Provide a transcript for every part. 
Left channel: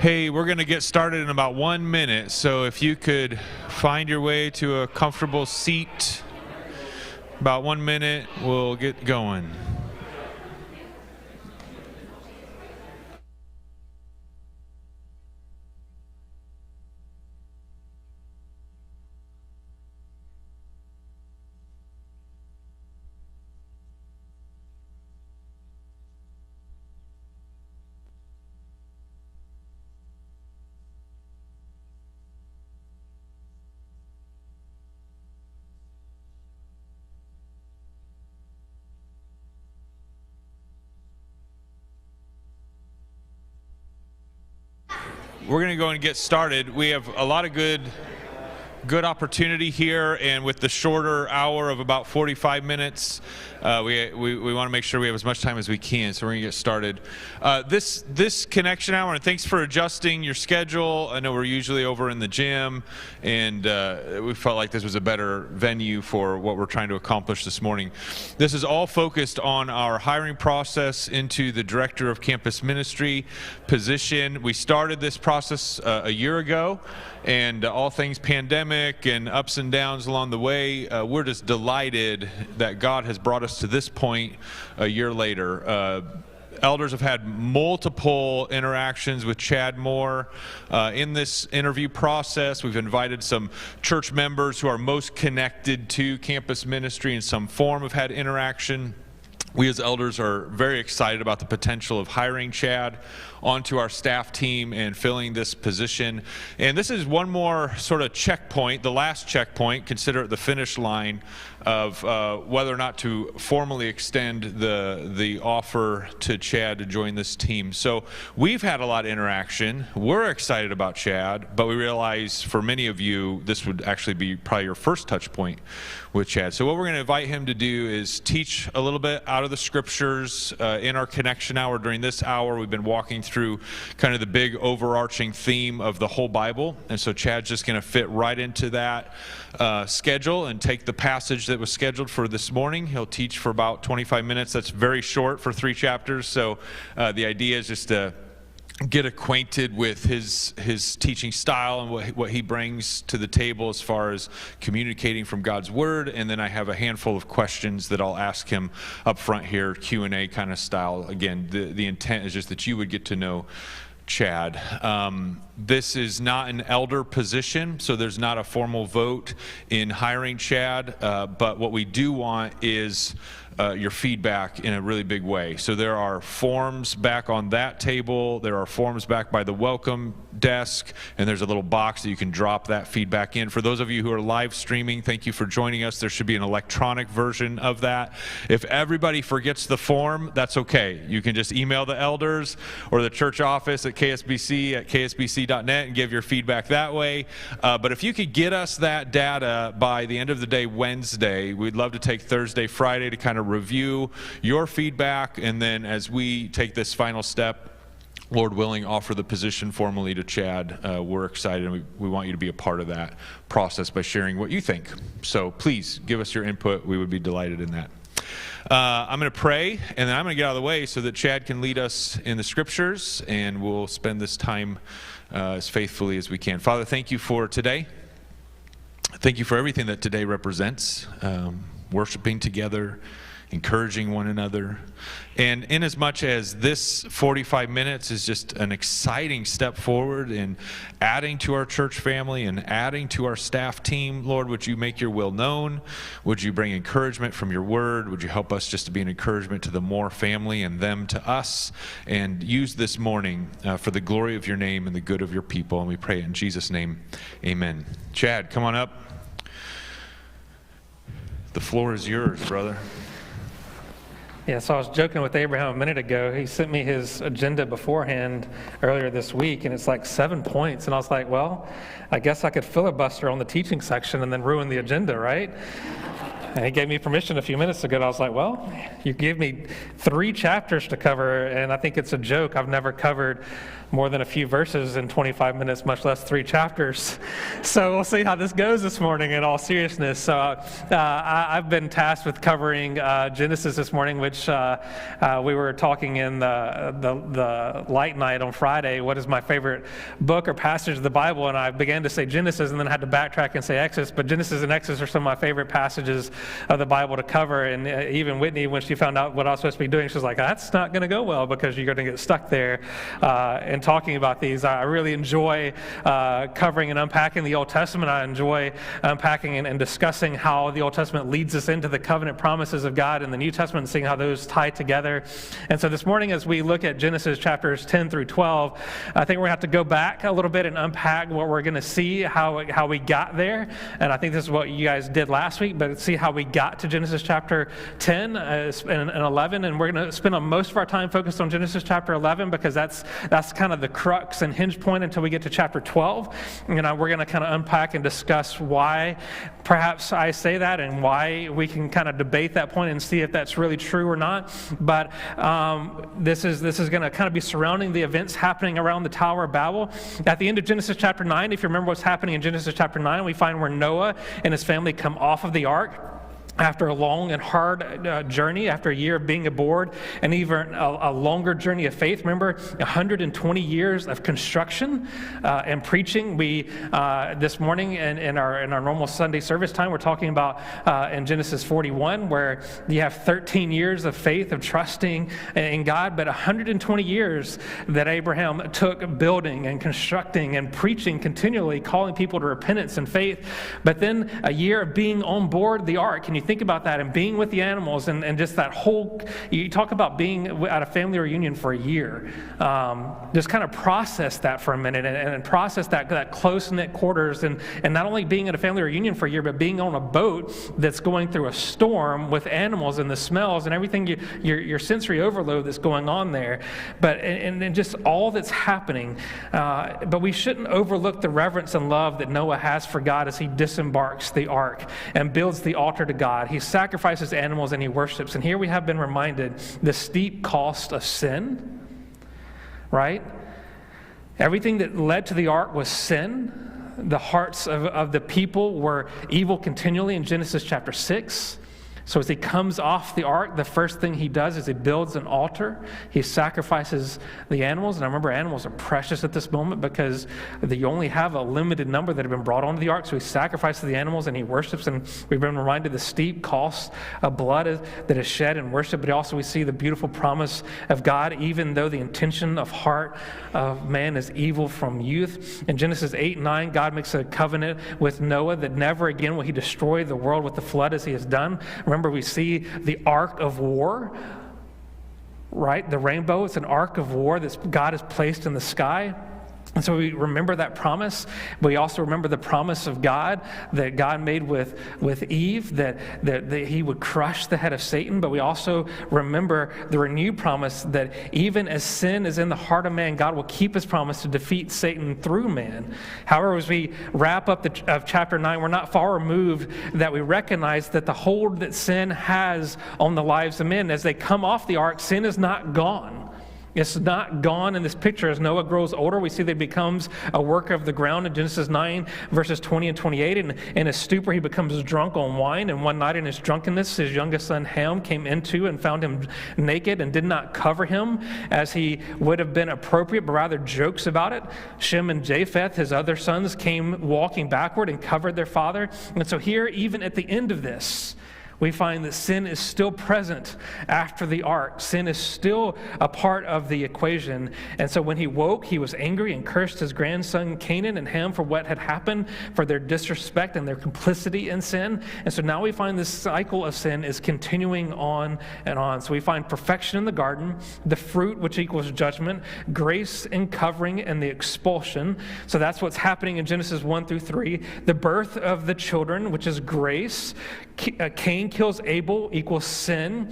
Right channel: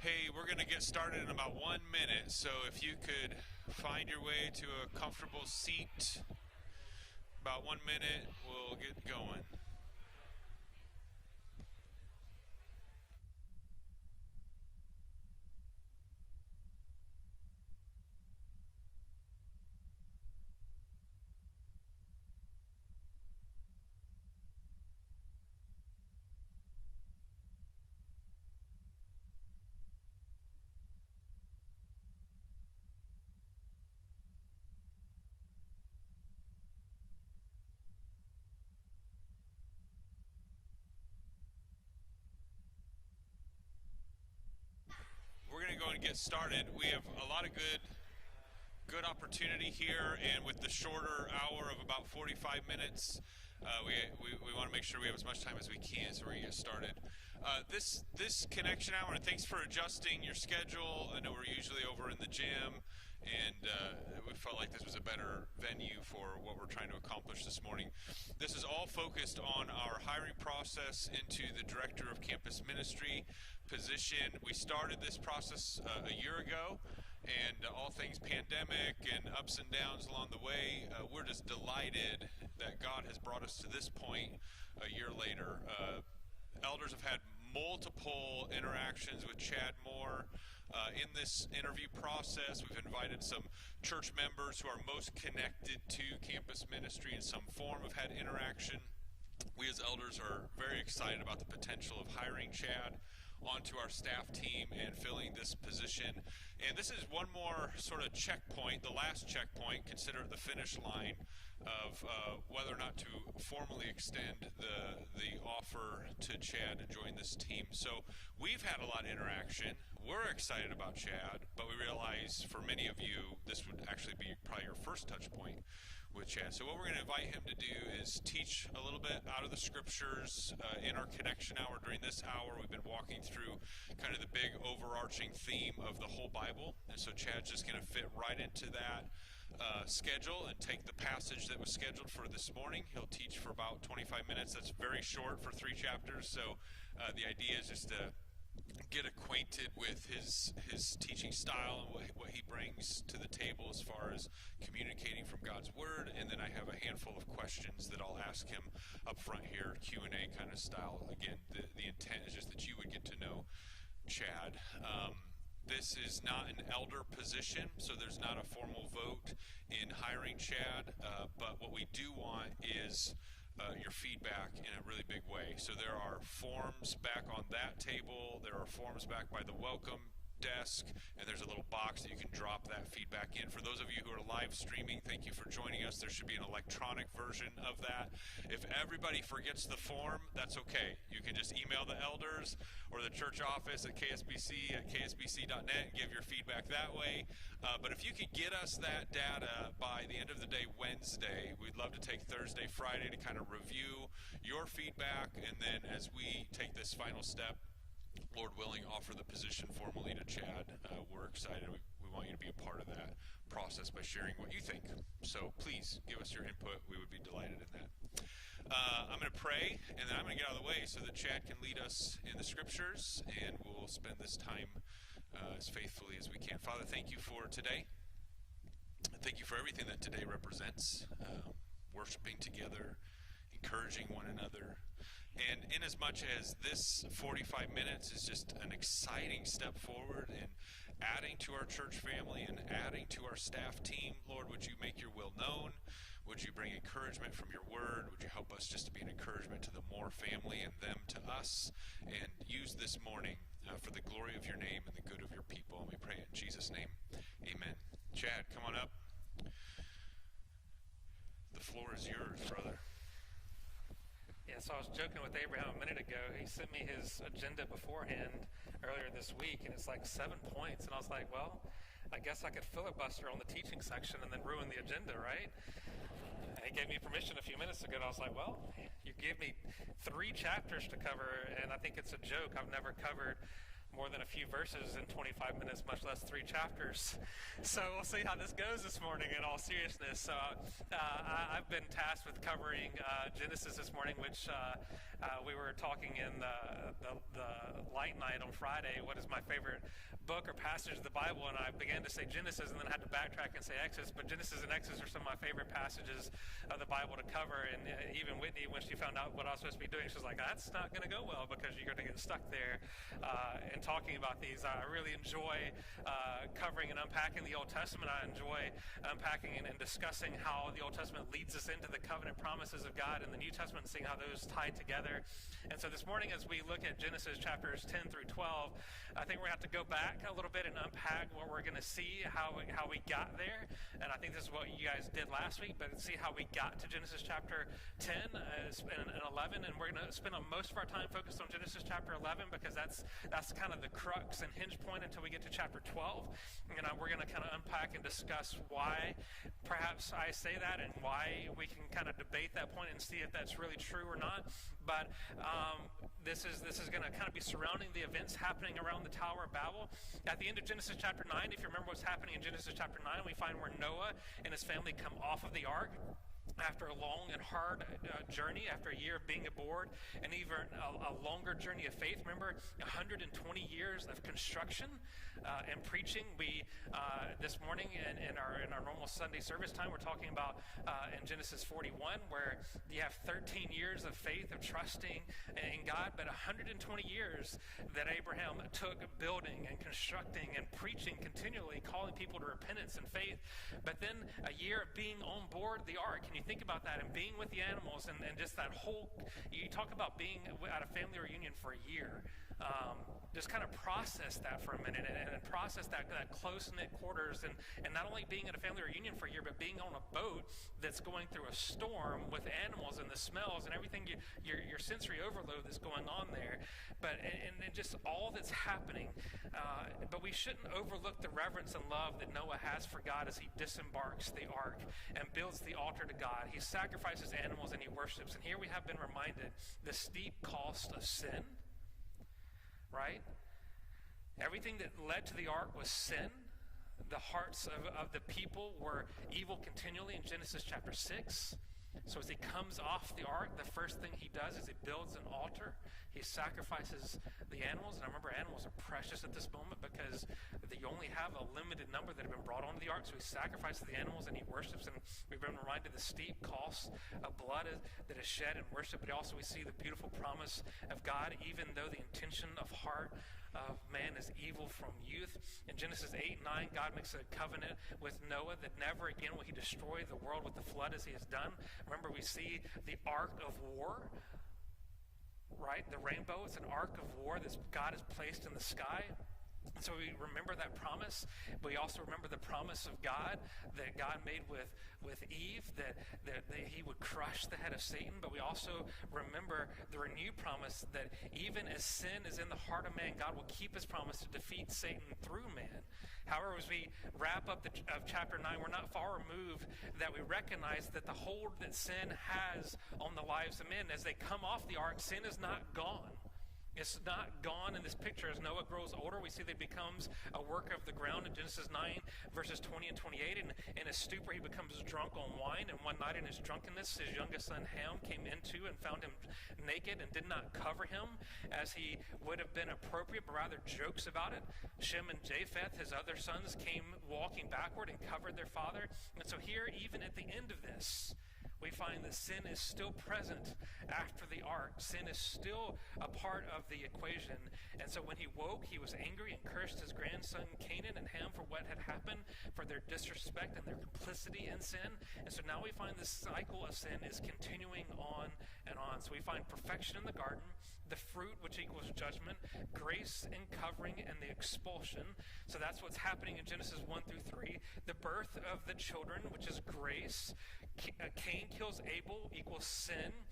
Hey, we're going to get started in about 1 minute, so if you could find your way to a comfortable seat, about 1 minute, we'll get going. We're going to go and get started. We have a lot of good opportunity here, and with the shorter hour of about 45 minutes, we want to make sure we have as much time as we can, so we're going to get started. This connection hour, and thanks for adjusting your schedule. I know we're usually over in the gym, and we felt like this was a better venue for what we're trying to accomplish this morning. This is all focused on our hiring process into the Director of Campus Ministry position. We started this process a year ago, and all things pandemic and ups and downs along the way, we're just delighted that God has brought us to this point a year later. Elders have had multiple interactions with Chad Moore in this interview process. We've invited some church members who are most connected to campus ministry in some form have had interaction. We as elders are very excited about the potential of hiring Chad onto our staff team and filling this position. And this is one more sort of checkpoint, the last checkpoint, consider it the finish line of whether or not to formally extend the offer to Chad to join this team. So we've had a lot of interaction. We're excited about Chad, but we realize for many of you, this would actually be probably your first touch point with Chad. So what we're going to invite him to do is teach a little bit out of the scriptures in our connection hour. During this hour, we've been walking through kind of the big overarching theme of the whole Bible. And so Chad's just going to fit right into that schedule and take the passage that was scheduled for this morning. He'll teach for about 25 minutes. That's very short for 3 chapters. So the idea is just to get acquainted with his teaching style and what he brings to the table as far as communicating from God's Word. And then I have a handful of questions that I'll ask him up front here, Q&A kind of style. Again, the intent is just that you would get to know Chad. This is not an elder position, so there's not a formal vote in hiring Chad, but what we do want is your feedback in a really big way. So there are forms back on that table, there are forms back by the welcome desk, and there's a little box that you can drop that feedback in. For those of you who are live streaming, thank you for joining us. There should be an electronic version of that. If everybody forgets the form, that's okay. You can just email the elders or the church office at ksbc@ksbc.net and give your feedback that way. But if you could get us that data by the end of the day Wednesday, we'd love to take Thursday, Friday to kind of review your feedback, and then as we take this final step, Lord willing, offer the position formally to Chad. We're excited, and we want you to be a part of that process by sharing what you think. So please give us your input. We would be delighted in that. I'm going to pray, and then I'm going to get out of the way so that Chad can lead us in the scriptures, and we'll spend this time as faithfully as we can. Father, thank you for today. Thank you for everything that today represents, worshiping together, encouraging one another. And inasmuch as this 45 minutes is just an exciting step forward in adding to our church family and adding to our staff team, Lord, would you make your will known? Would you bring encouragement from your word? Would you help us just to be an encouragement to the Moore family and them to us? And use this morning for the glory of your name and the good of your people. And we pray in Jesus' name, amen. Chad, come on up. The floor is yours, brother. Yeah, so I was joking with Abraham a minute ago. He sent me his agenda beforehand earlier this week, and it's like 7 points. And I was like, well, I guess I could filibuster on the teaching section and then ruin the agenda, right? And he gave me permission a few minutes ago. And I was like, well, you gave me 3 chapters to cover, and I think it's a joke. I've never covered more than a few verses in 25 minutes, much less 3 chapters. So we'll see how this goes this morning in all seriousness. So I've been tasked with covering Genesis this morning, which we were talking in the light night on Friday. What is my favorite book or passage of the Bible? And I began to say Genesis and then had to backtrack and say Exodus. But Genesis and Exodus are some of my favorite passages of the Bible to cover. And even Whitney, when she found out what I was supposed to be doing, she was like, that's not going to go well because you're going to get stuck there. And talking about these, I really enjoy covering and unpacking the Old Testament. I enjoy unpacking and discussing how the Old Testament leads us into the covenant promises of God in the New Testament and seeing how those tie together. And so this morning, as we look at Genesis chapters 10 through 12, I think we're going to have to go back a little bit and unpack what we're going to see, how we got there. And I think this is what you guys did last week, but see how we got to Genesis chapter 10 and 11. And we're going to spend most of our time focused on Genesis chapter 11 because that's kind of the crux and hinge point until we get to chapter 12. We're going to kind of unpack and discuss why perhaps I say that and why we can kind of debate that point and see if that's really true or not. But this is going to kind of be surrounding the events happening around the Tower of Babel. At the end of Genesis chapter 9, if you remember what's happening in Genesis chapter 9, we find where Noah and his family come off of the ark after a long and hard journey, after a year of being aboard, and even a longer journey of faith. Remember, 120 years of construction and preaching. We this morning in our normal Sunday service time, we're talking about in Genesis 41, where you have 13 years of faith, of trusting in God, but 120 years that Abraham took building and constructing and preaching continually, calling people to repentance and faith. But then a year of being on board the ark. Can you think about that and being with the animals and just that whole, you talk about being at a family reunion for a year. Just kind of process that for a minute and process that close-knit quarters and not only being at a family reunion for a year, but being on a boat that's going through a storm with animals and the smells and everything, your sensory overload that's going on there. But and just all that's happening. But we shouldn't overlook the reverence and love that Noah has for God as he disembarks the ark and builds the altar to God. He sacrifices animals and he worships. And here we have been reminded the steep cost of sin, right? Everything that led to the ark was sin. The hearts of the people were evil continually in Genesis chapter 6. So as he comes off the ark, the first thing he does is he builds an altar. He sacrifices the animals. And I remember animals are precious at this moment because you only have a limited number that have been brought onto the ark. So he sacrifices the animals and he worships. And we've been reminded the steep cost of blood that is shed in worship. But also we see the beautiful promise of God, even though the intention of heart of man is evil from youth. In Genesis 8:9, God makes a covenant with Noah that never again will he destroy the world with the flood as he has done. Remember, we see the ark of war, right? The rainbow, it's an ark of war that God has placed in the sky. And so we remember that promise. We also remember the promise of God that God made with Eve, that he would crush the head of Satan. But we also remember the renewed promise that even as sin is in the heart of man, God will keep his promise to defeat Satan through man. However, as we wrap up of chapter 9, we're not far removed that we recognize that the hold that sin has on the lives of men, as they come off the ark, sin is not gone. It's not gone in this picture. As Noah grows older, we see that he becomes a worker of the ground in Genesis 9, verses 20 and 28. And in his stupor, he becomes drunk on wine. And one night in his drunkenness, his youngest son Ham came into and found him naked and did not cover him as he would have been appropriate, but rather jokes about it. Shem and Japheth, his other sons, came walking backward and covered their father. And so here, even at the end of this, we find that sin is still present after the ark. Sin is still a part of the equation. And so when he woke, he was angry and cursed his grandson Canaan and Ham for what had happened, for their disrespect and their complicity in sin. And so now we find this cycle of sin is continuing on and on. So we find perfection in the garden, the fruit, which equals judgment, grace and covering, and the expulsion. So that's what's happening in Genesis 1 through 3. The birth of the children, which is grace, Cain kills Abel equals sin.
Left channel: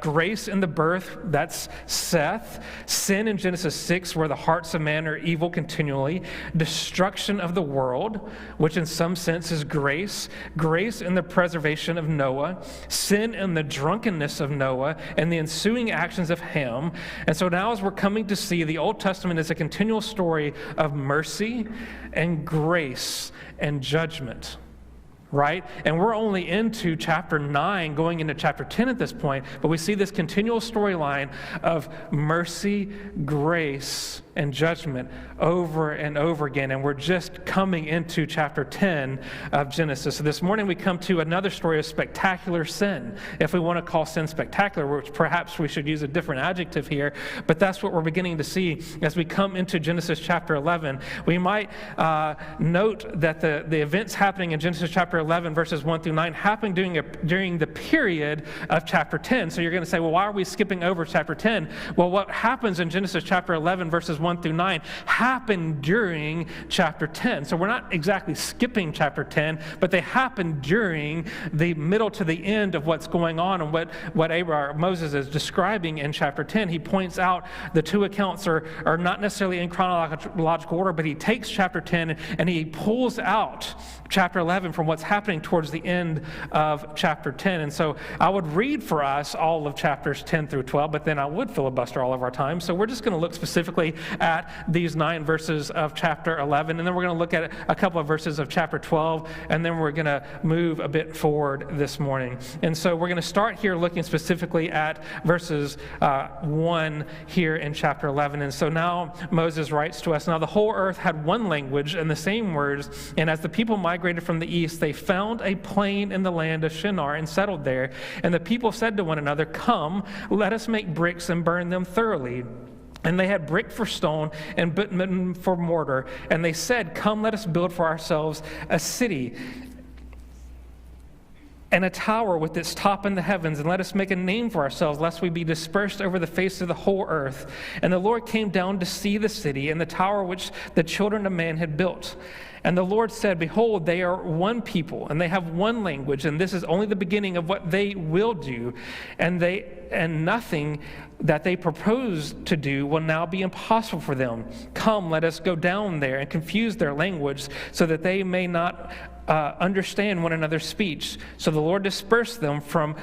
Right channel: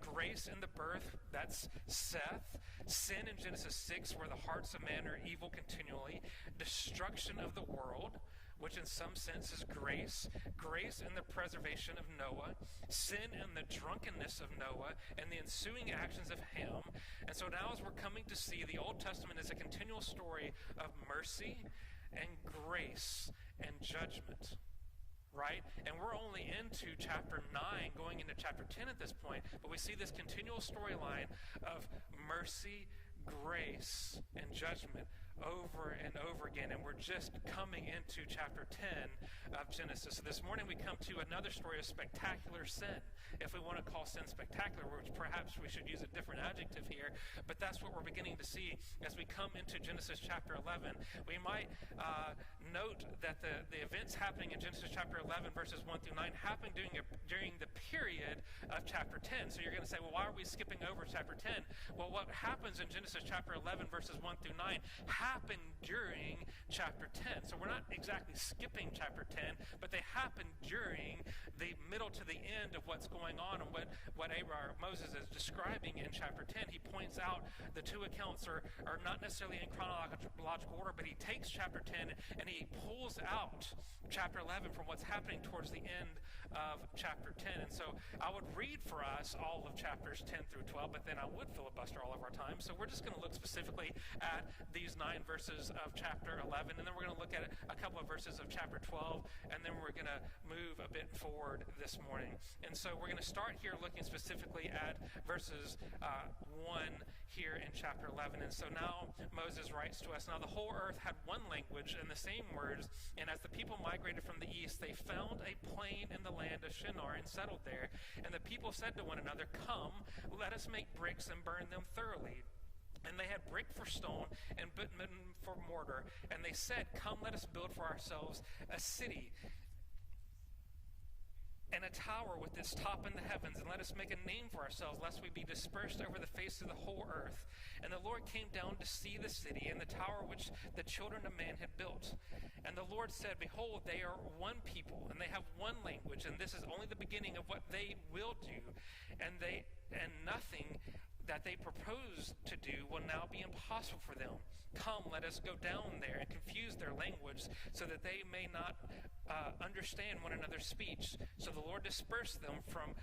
Grace in the birth, that's Seth. Sin in Genesis 6, where the hearts of man are evil continually. Destruction of the world, which in some sense is grace. Grace in the preservation of Noah. Sin in the drunkenness of Noah and the ensuing actions of Ham. And so now as we're coming to see, the Old Testament is a continual story of mercy and grace and judgment. Right? And we're only into chapter 9, going into chapter 10 at this point, but we see this continual storyline of mercy, grace, and judgment over and over again. And we're just coming into chapter 10 of Genesis. So this morning we come to another story of spectacular sin. If we want to call sin spectacular, which perhaps we should use a different adjective here, but that's what we're beginning to see as we come into Genesis chapter 11. We might note that the events happening in Genesis chapter 11, verses 1 through 9, happened during the period of chapter 10. So you're going to say, well, why are we skipping over chapter 10? Well, what happens in Genesis chapter 11, verses 1 through 9, happened during chapter 10. So we're not exactly skipping chapter 10, but they happened during the middle to the end of what's going on and what Moses is describing in chapter 10. He points out the two accounts are not necessarily in chronological order, but he takes chapter 10 and he pulls out chapter 11 from what's happening towards the end of chapter 10. And so I would read for us all of chapters 10 through 12, but then I would filibuster all of our time. So we're just going to look specifically at these 9 verses of chapter 11, and then we're going to look at a couple of verses of chapter 12, and then we're going to move a bit forward this morning. And so we're going to start here looking specifically at verses 1 here in chapter 11. And so now Moses writes to us, "Now the whole earth had one language and the same words, and as the people migrated from the east, they found a plain in the land of Shinar and settled there. And the people said to one another, 'Come, let us make bricks and burn them thoroughly.' And they had brick for stone and bitumen for mortar. And they said, 'Come, let us build for ourselves a city and a tower with its top in the heavens, and let us make a name for ourselves, lest we be dispersed over the face of the whole earth.' And the Lord came down to see the city and the tower which the children of man had built. And the Lord said, 'Behold, they are one people, and they have one language, and this is only the beginning of what they will do. And nothing that they propose to do will now be impossible for them. Come, let us go down there and confuse their language, so that they may not understand one another's speech.' So the Lord dispersed them from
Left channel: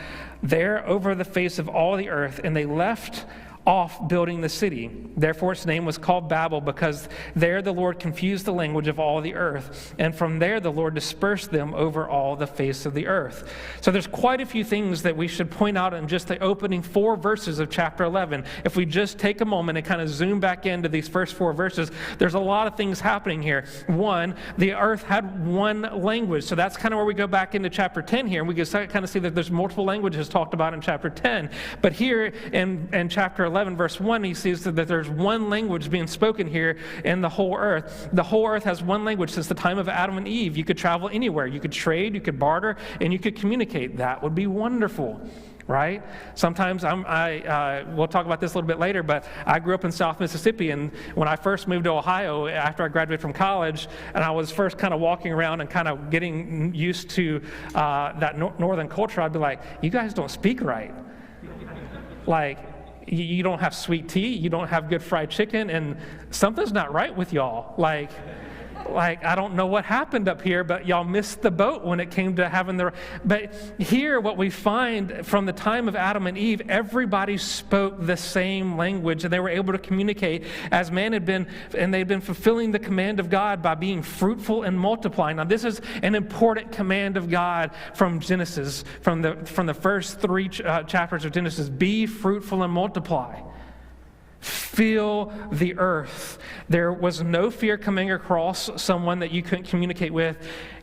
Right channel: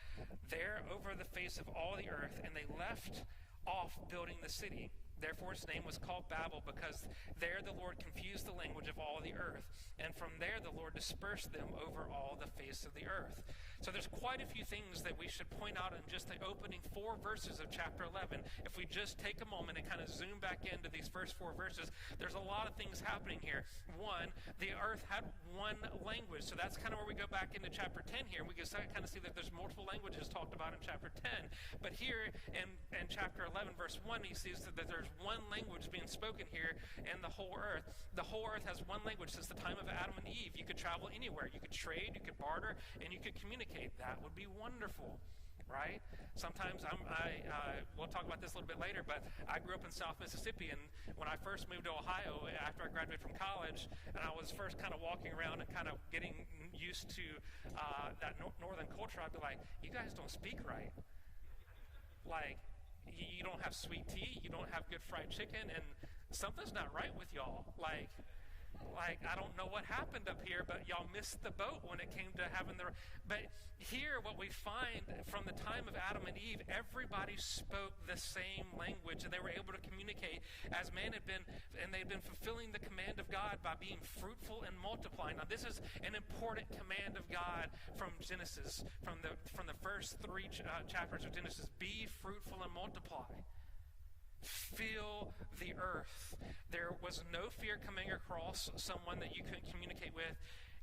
there over the face of all the earth, and they left off building the city. Therefore its name was called Babel, because there the Lord confused the language of all the earth. And from there the Lord dispersed them over all the face of the earth." So there's quite a few things that we should point out in just the opening 4 verses of chapter 11. If we just take a moment and kind of zoom back into these first 4 verses, there's a lot of things happening here. 1, the earth had one language. So that's kind of where we go back into chapter 10 here, and we can kind of see that there's multiple languages talked about in chapter 10. But here in chapter 11, verse 1, he sees that there's one language being spoken here in the whole earth. The whole earth has one language since the time of Adam and Eve. You could travel anywhere. You could trade, you could barter, and you could communicate. That would be wonderful, right? Sometimes we'll talk about this a little bit later, but I grew up in South Mississippi, and when I first moved to Ohio after I graduated from college, and I was first kind of walking around and kind of getting used to that northern culture, I'd be like, "You guys don't speak right." Like, you don't have sweet tea, you don't have good fried chicken, and something's not right with y'all. Like I don't know what happened up here, but y'all missed the boat when it came to having the... But here, what we find from the time of Adam and Eve, everybody spoke the same language, and they were able to communicate as man had been, and they'd been fulfilling the command of God by being fruitful and multiplying. Now, this is an important command of God from Genesis, from the first 3 chapters of Genesis. Be fruitful and multiply. Fill the earth. There was no fear coming across someone that you couldn't communicate with.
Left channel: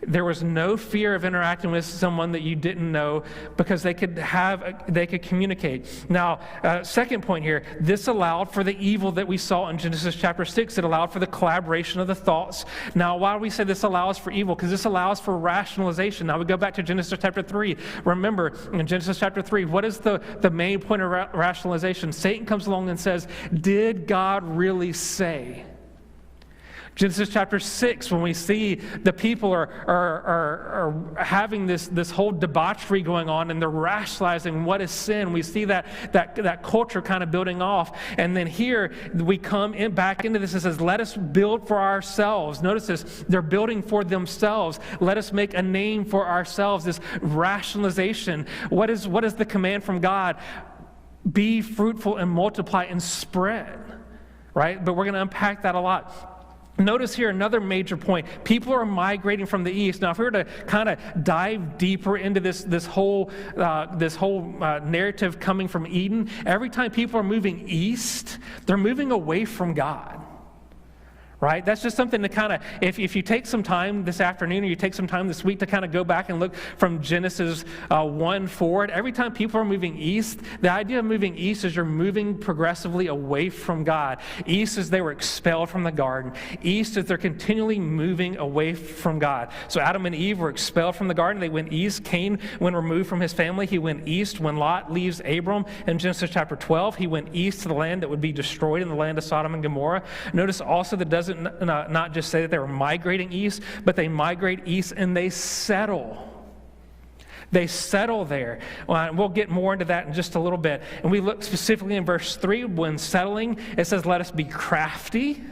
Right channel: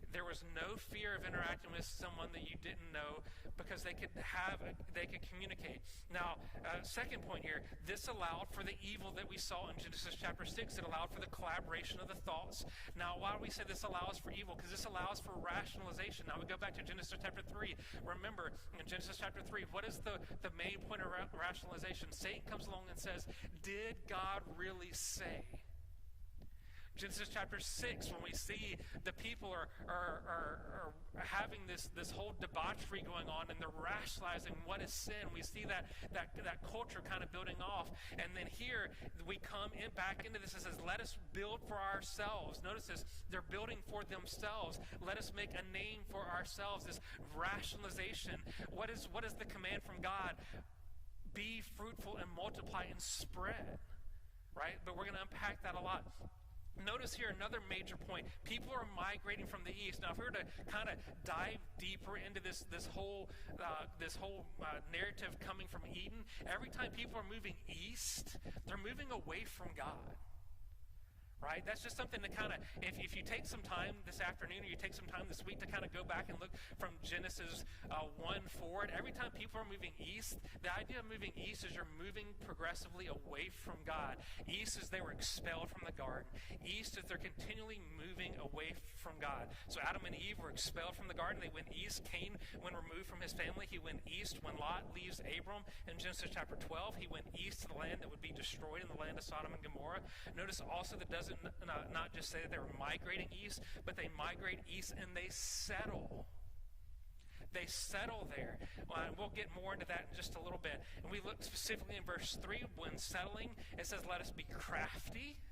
There was no fear of interacting with someone that you didn't know, because they could communicate. Now, second point here, this allowed for the evil that we saw in Genesis chapter 6. It allowed for the collaboration of the thoughts. Now, why do we say this allows for evil? Because this allows for rationalization. Now, we go back to Genesis chapter 3. Remember, in Genesis chapter 3, what is the main point of rationalization? Satan comes along and says, "Did God really say?" Genesis chapter 6, when we see the people are having this whole debauchery going on, and they're rationalizing what is sin. We see that culture kind of building off. And then here we come back into this. It says, let us build for ourselves. Notice this, they're building for themselves. Let us make a name for ourselves. This rationalization. What is the command from God? Be fruitful and multiply and spread. Right? But we're going to unpack that a lot. Notice here another major point. People are migrating from the east. Now, if we were to kind of dive deeper into this whole narrative coming from Eden, every time people are moving east, they're moving away from God. Right? That's just something to kind of, if you take some time this afternoon or you take some time this week to kind of go back and look from Genesis 1 forward, every time people are moving east, the idea of moving east is you're moving progressively away from God. East is they were expelled from the garden. East is they're continually moving away from God. So Adam and Eve were expelled from the garden. They went east. Cain, when removed from his family, he went east. When Lot leaves Abram in Genesis chapter 12, he went east to the land that would be destroyed, in the land of Sodom and Gomorrah. Notice also that doesn't not just say that they were migrating east, but they migrate east and they settle. They settle there. We'll get more into that in just a little bit. And we look specifically in verse 3, when settling, it says, let us be crafty.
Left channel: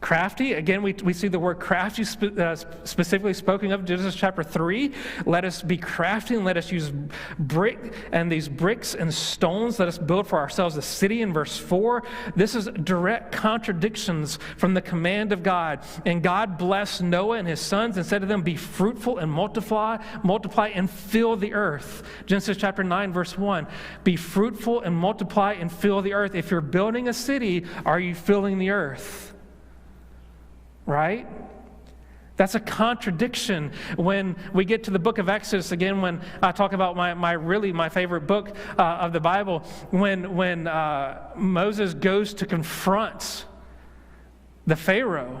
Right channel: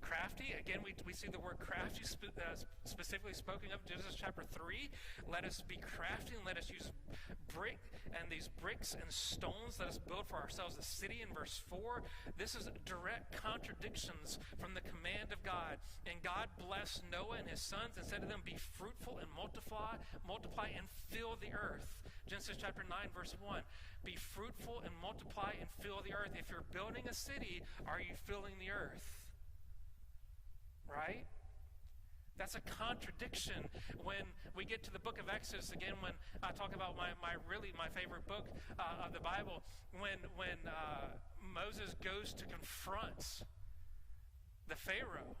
Crafty, again, we see the word crafty specifically spoken of in Genesis chapter 3. Let us be crafty and let us use these bricks and stones. Let us build for ourselves a city in verse 4. This is direct contradictions from the command of God. And God blessed Noah and his sons and said to them, be fruitful and multiply and fill the earth. Genesis chapter 9, verse 1. Be fruitful and multiply and fill the earth. If you're building a city, are you filling the earth? Right? That's a contradiction. When we get to the book of Exodus, again, when I talk about my favorite book of the Bible, when Moses goes to confront the Pharaoh,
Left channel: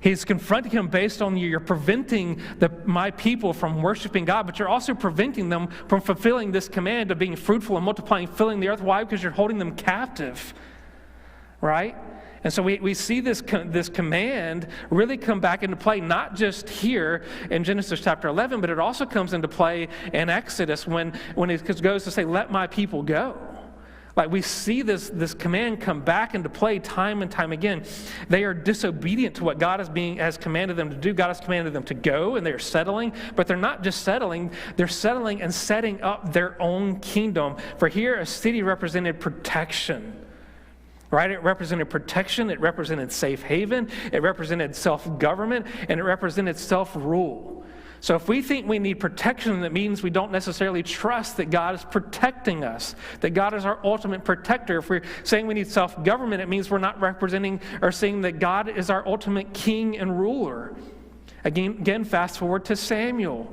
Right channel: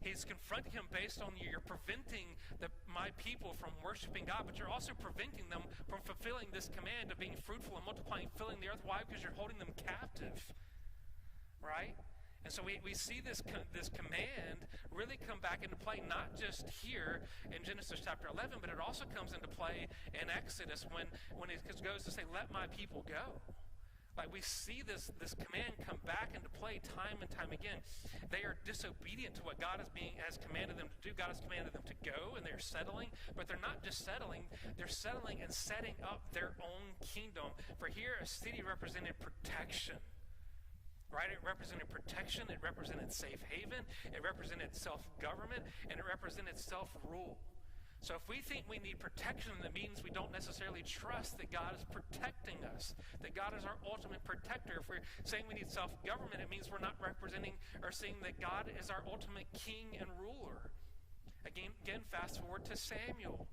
he's confronting him based on you're preventing my people from worshiping God, but you're also preventing them from fulfilling this command of being fruitful and multiplying, filling the earth. Why? Because you're holding them captive. Right? And so we see this command really come back into play, not just here in Genesis chapter 11, but it also comes into play in Exodus when it goes to say, let my people go. Like we see this command come back into play time and time again. They are disobedient to what God has commanded them to do. God has commanded them to go, and they're settling. But they're not just settling. They're settling and setting up their own kingdom. For here, a city represented protection. Right? It represented protection, it represented safe haven, it represented self-government, and it represented self-rule. So if we think we need protection, that means we don't necessarily trust that God is protecting us, that God is our ultimate protector. If we're saying we need self-government, it means we're not representing or saying that God is our ultimate king and ruler. Again, fast forward to Samuel.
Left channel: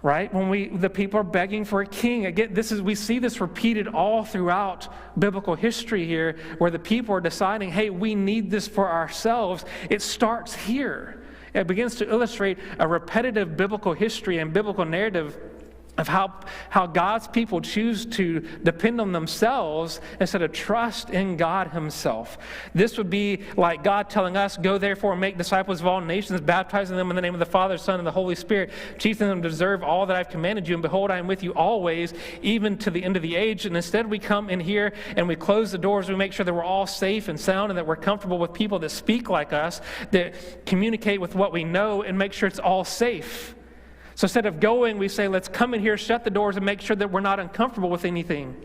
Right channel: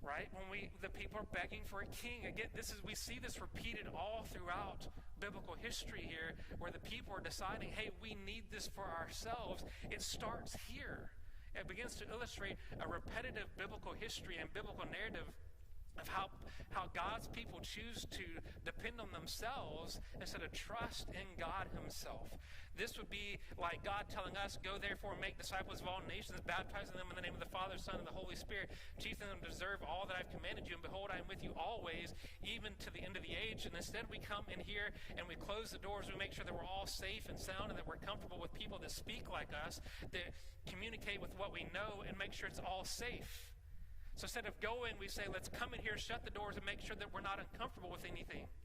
Right? When the people are begging for a king. Again, we see this repeated all throughout biblical history here, where the people are deciding, hey, we need this for ourselves. It starts here. It begins to illustrate a repetitive biblical history and biblical narrative of how God's people choose to depend on themselves instead of trust in God himself. This would be like God telling us, go therefore and make disciples of all nations, baptizing them in the name of the Father, Son, and the Holy Spirit, teaching them to observe all that I've commanded you, and behold, I am with you always, even to the end of the age. And instead we come in here and we close the doors, we make sure that we're all safe and sound and that we're comfortable with people that speak like us, that communicate with what we know, and make sure it's all safe. So instead of going, we say, let's come in here, shut the doors, and make sure that we're not uncomfortable with anything.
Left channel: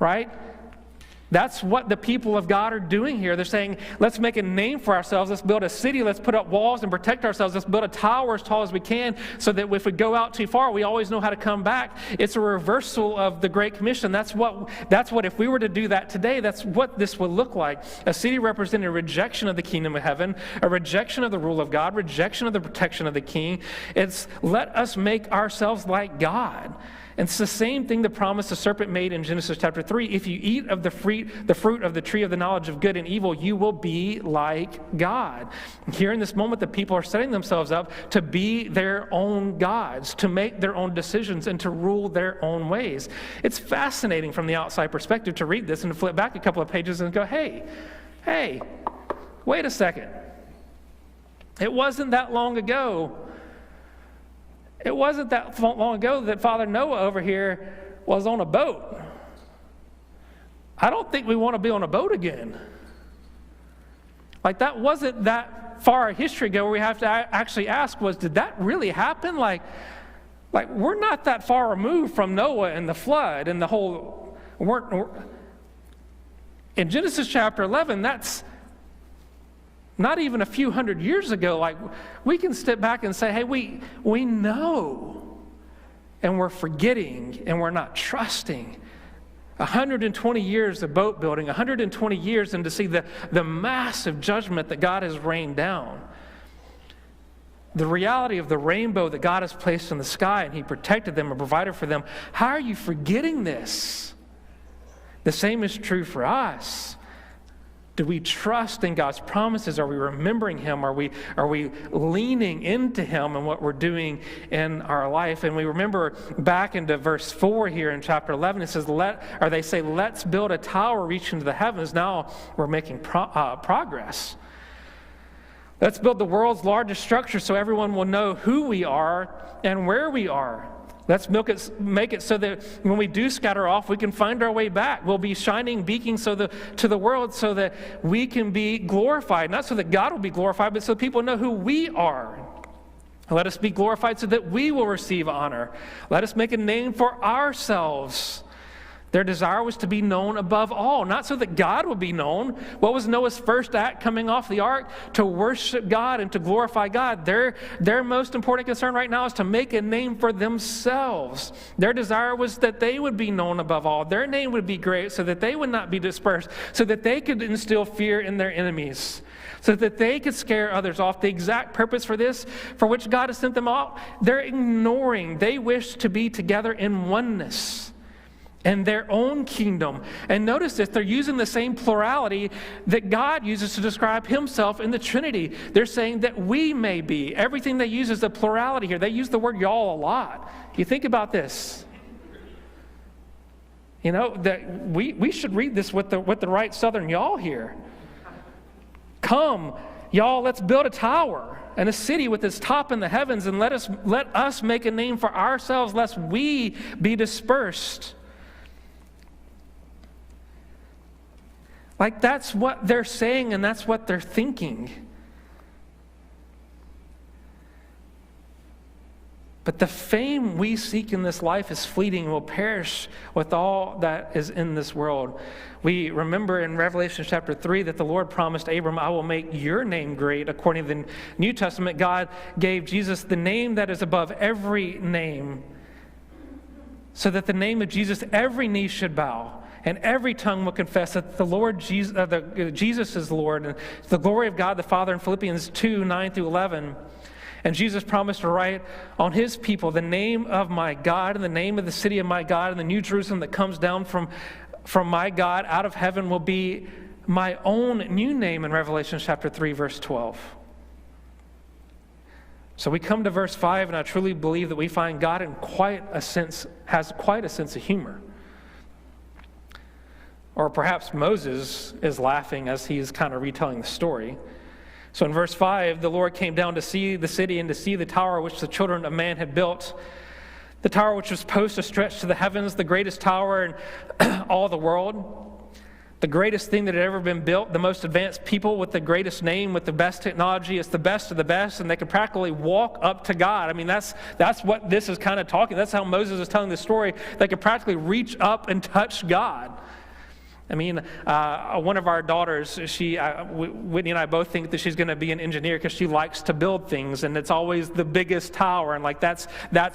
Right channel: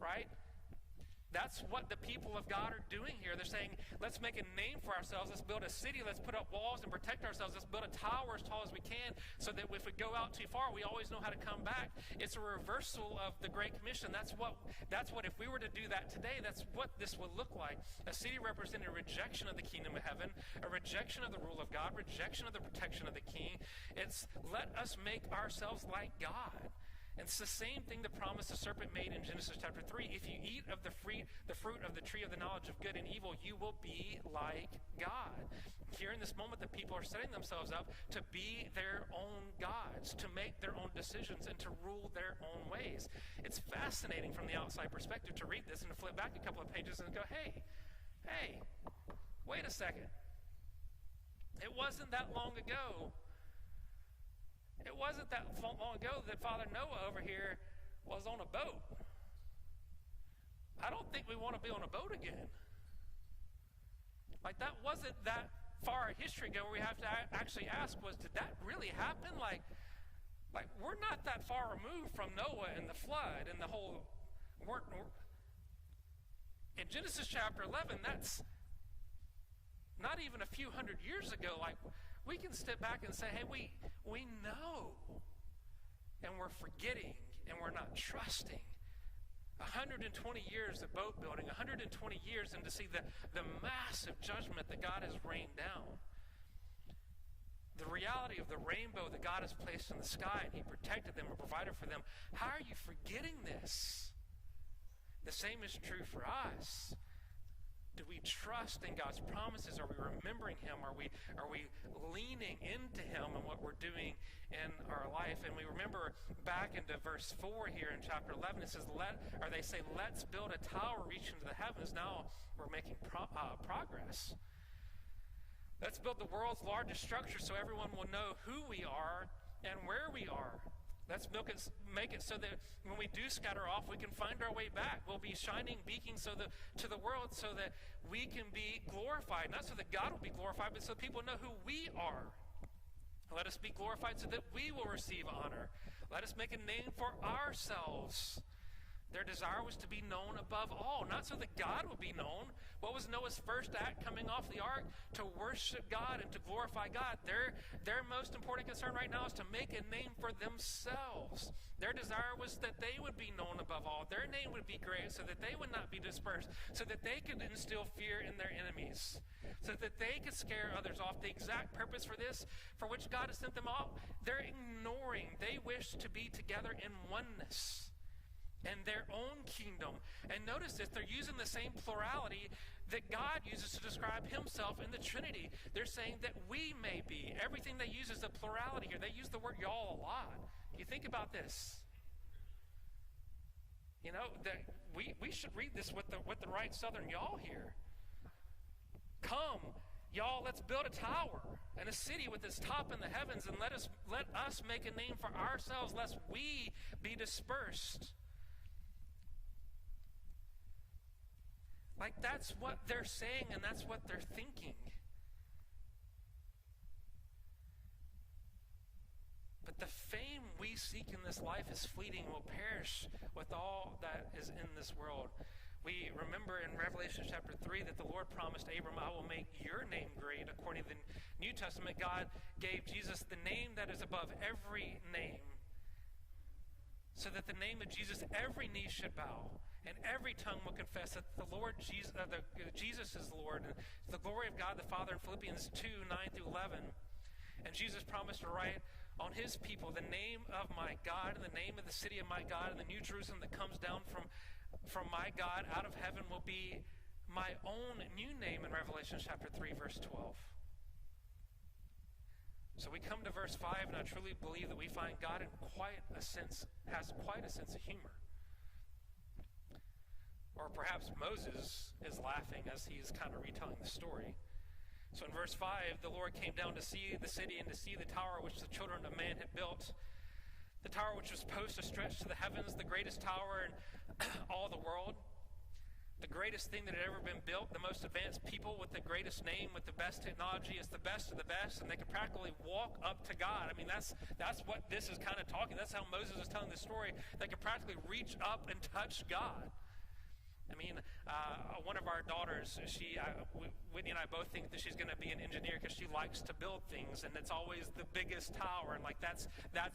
Right? That's what the people of God are doing here. They're saying, let's make a name for ourselves. Let's build a city. Let's put up walls and protect ourselves. Let's build a tower as tall as we can so that if we go out too far, we always know how to come back. It's a reversal of the Great Commission. That's what if we were to do that today, that's what this would look like. A city representing a rejection of the kingdom of heaven, a rejection of the rule of God, rejection of the protection of the king. It's let us make ourselves like God. And it's the same thing the promise the serpent made in Genesis chapter 3. If you eat of the fruit of the tree of the knowledge of good and evil, you will be like God. Here in this moment, the people are setting themselves up to be their own gods, to make their own decisions, and to rule their own ways. It's fascinating from the outside perspective to read this and to flip back a couple of pages and go, hey, wait a second. It wasn't that long ago. It wasn't that long ago that Father Noah over here was on a boat. I don't think we want to be on a boat again. Like, that wasn't that far a history ago where we have to actually ask, did that really happen? Like we're not that far removed from Noah and the flood and the whole, in Genesis chapter 11, that's not even a few hundred years ago. Like, we can step back and say, hey, we know, and we're forgetting, and we're not trusting. 120 years of boat building, 120 years, and to see the massive judgment that God has rained down. The reality of the rainbow that God has placed in the sky, and He protected them and provided for them. How are you forgetting this? The same is true for us. Do we trust in God's promises? Are we remembering Him? Are we leaning into Him and what we're doing in our life? And we remember back into verse 4 here in chapter 11, it says, they say, let's build a tower reaching to the heavens. Now we're making progress. Let's build the world's largest structure so everyone will know who we are and where we are. Let's make it so that when we do scatter off, we can find our way back. We'll be shining beacons to the world so that we can be glorified. Not so that God will be glorified, but so people know who we are. Let us be glorified so that we will receive honor. Let us make a name for ourselves. Their desire was to be known above all, not so that God would be known. What was Noah's first act coming off the ark? To worship God and to glorify God. Their most important concern right now is to make a name for themselves. Their desire was that they would be known above all. Their name would be great so that they would not be dispersed, so that they could instill fear in their enemies, so that they could scare others off. The exact purpose for this, for which God has sent them out, they're ignoring. They wish to be together in oneness and their own kingdom. And notice this, they're using the same plurality that God uses to describe Himself in the Trinity. They're saying that we may be. Everything they use is a plurality here. They use the word y'all a lot. You think about this. You know, that we should read this with the right Southern y'all here. Come, y'all, let's build a tower and a city with its top in the heavens, and let us make a name for ourselves, lest we be dispersed. Like, that's what they're saying, and that's what they're thinking. But the fame we seek in this life is fleeting and will perish with all that is in this world. We remember in Revelation chapter 3 that the Lord promised Abram, I will make your name great. According to the New Testament, God gave Jesus the name that is above every name, so that the name of Jesus, every knee should bow, and every tongue will confess that the Lord Jesus is Lord, and the glory of God the Father in Philippians 2, 9 through 11. And Jesus promised to write on His people the name of my God and the name of the city of my God, and the New Jerusalem that comes down from my God out of heaven will be my own new name in Revelation chapter 3, verse 12. So we come to verse 5, and I truly believe that we find God has quite a sense of humor. Or perhaps Moses is laughing as he's kind of retelling the story. So in verse 5, the Lord came down to see the city and to see the tower which the children of man had built. The tower which was supposed to stretch to the heavens, the greatest tower in all the world. The greatest thing that had ever been built, the most advanced people with the greatest name, with the best technology. It's the best of the best, and they could practically walk up to God. I mean, that's what this is kind of talking. That's how Moses is telling the story. They could practically reach up and touch God. I mean, one of our daughters, Whitney and I both think that she's going to be an engineer because she likes to build things, and it's always the biggest tower, and like that's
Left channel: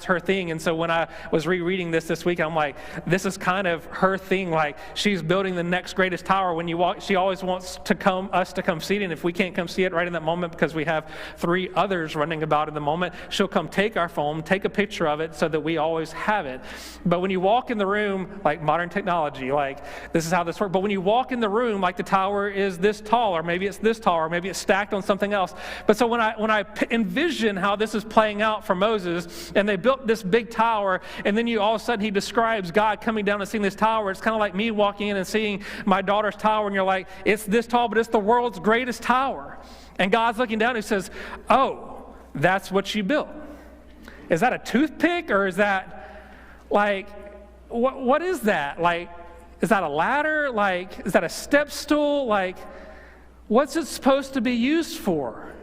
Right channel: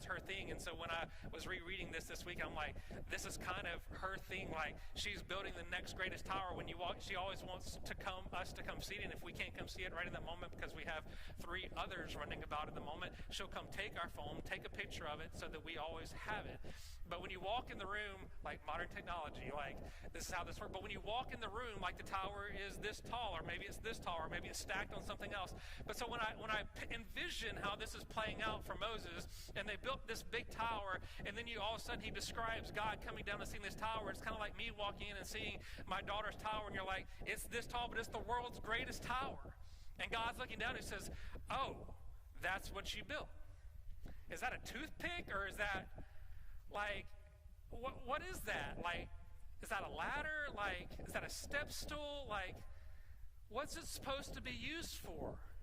her thing. And so when I was rereading this week, I'm like, this is kind of her thing. Like, she's building the next greatest tower. When you walk, she always wants us to come see it, and if we can't come see it right in that moment because we have 3 others running about in the moment, she'll come take our phone, take a picture of it so that we always have it. But when you walk in the room, like modern technology, like this is how this works. but when you walk in the room, like the tower is this tall, or maybe it's this tall, or maybe it's stacked on something else. But so when I envision how this is playing out for Moses, and they built this big tower, and then all of a sudden he describes God coming down and seeing this tower. It's kind of like me walking in and seeing my daughter's tower, and you're like, it's this tall, but it's the world's greatest tower. And God's looking down and he says, oh, that's what you built. Is that a toothpick, or is that like, what is that? Like, is that a ladder? Like, is that a step stool? Like, what's it supposed to be used for?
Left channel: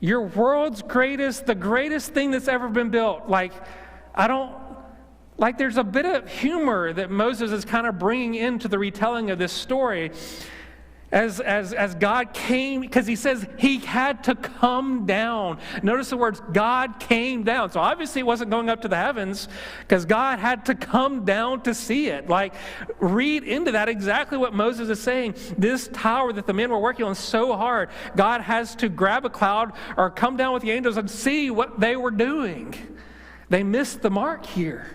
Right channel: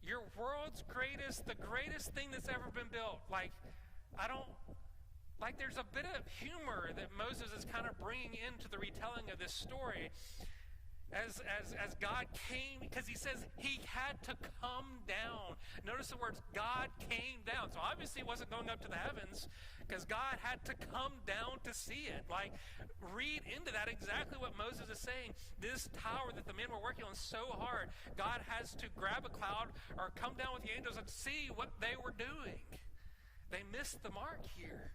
Your world's greatest, the greatest thing that's ever been built. Like, there's a bit of humor that Moses is kind of bringing into the retelling of this story. As God came, because he says he had to come down. Notice the words, God came down. So obviously it wasn't going up to the heavens, because God had to come down to see it. Like, read into that exactly what Moses is saying. This tower that the men were working on so hard, God has to grab a cloud or come down with the angels and see what they were doing. They missed the mark here.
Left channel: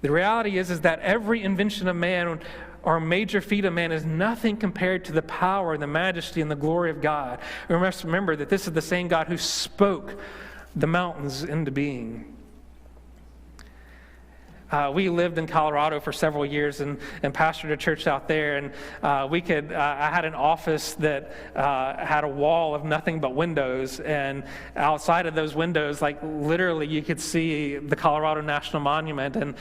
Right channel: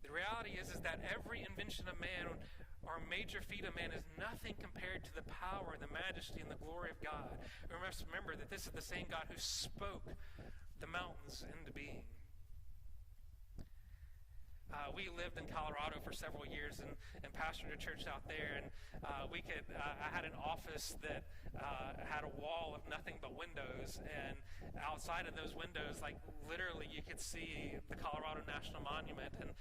The reality is that every invention of man or a major feat of man is nothing compared to the power and the majesty and the glory of God. We must remember that this is the same God who spoke the mountains into being. We lived in Colorado for several years and pastored a church out there. And I had an office that had a wall of nothing but windows. And outside of those windows, like literally you could see the Colorado National Monument. And,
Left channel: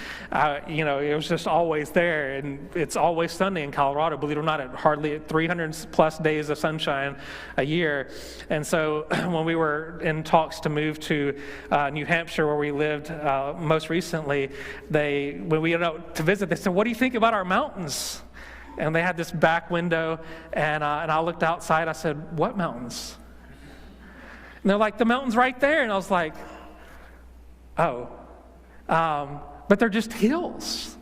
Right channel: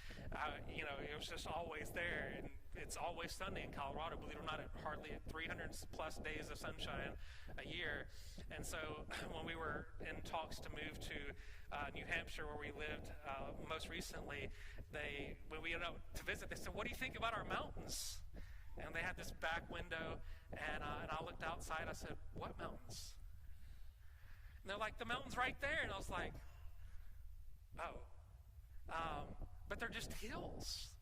it was just always there. And it's always sunny in Colorado, believe it or not, at hardly 300 plus days of sunshine a year. And so when we were in talks to move to New Hampshire, where we lived most recently, when we went out to visit, they said, what do you think about our mountains? And they had this back window, and I looked outside. I said, what mountains? And they're like, the mountains right there. And I was like, oh. But they're just hills.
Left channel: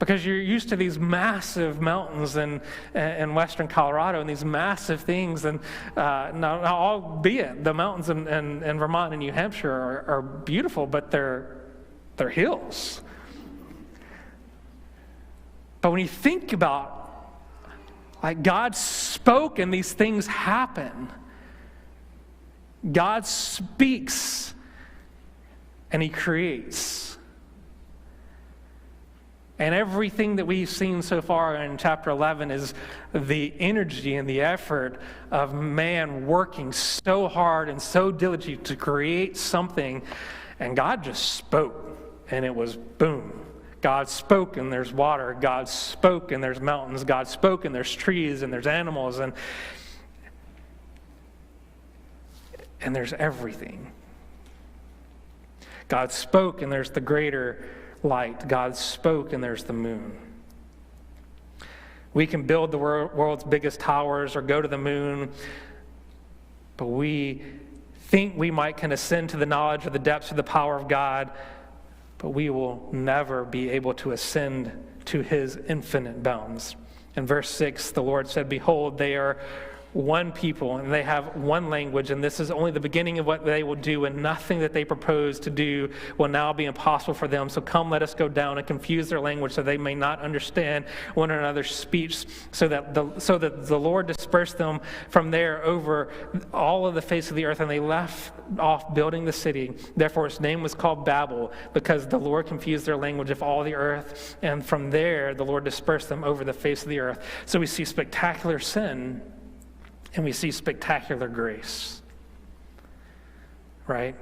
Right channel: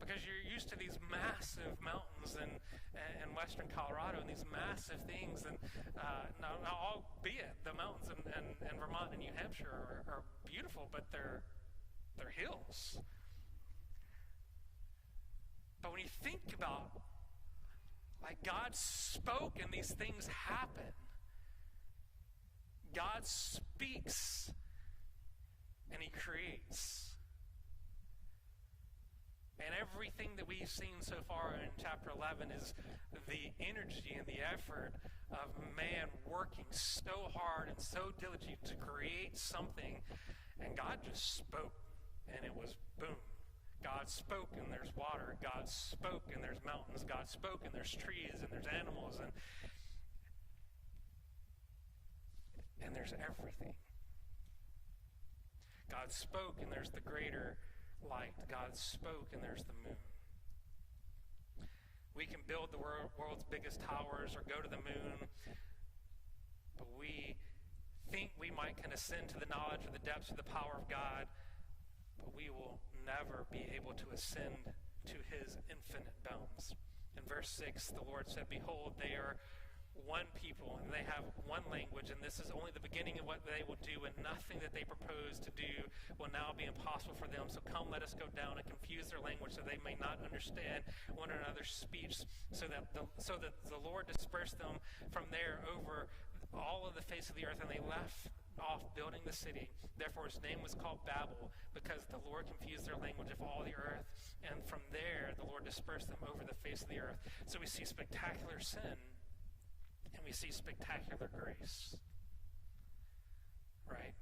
Because you're used to these massive mountains in western Colorado and these massive things. And now, albeit the mountains in Vermont and New Hampshire are beautiful, but they're hills. But when you think about, like, God spoke and these things happen. God speaks and he creates. And everything that we've seen so far in chapter 11 is the energy and the effort of man working so hard and so diligently to create something. And God just spoke. And it was boom. God spoke and there's water. God spoke and there's mountains. God spoke and there's trees and there's animals and there's everything. God spoke and there's the greater light. God spoke and there's the moon. We can build the world's biggest towers or go to the moon, but we think we can ascend to the knowledge of the depths of the power of God, but we will never be able to ascend to his infinite bounds. In verse 6, the Lord said, behold, they are one people, and they have one language, and this is only the beginning of what they will do, and nothing that they propose to do will now be impossible for them. So come, let us go down and confuse their language, so they may not understand one another's speech, so that the Lord dispersed them from there over all of the face of the earth, and they left off building the city. Therefore its name was called Babel, because the Lord confused their language of all the earth, and from there the Lord dispersed them over the face of the earth. So we see spectacular sin, and we see spectacular grace, right?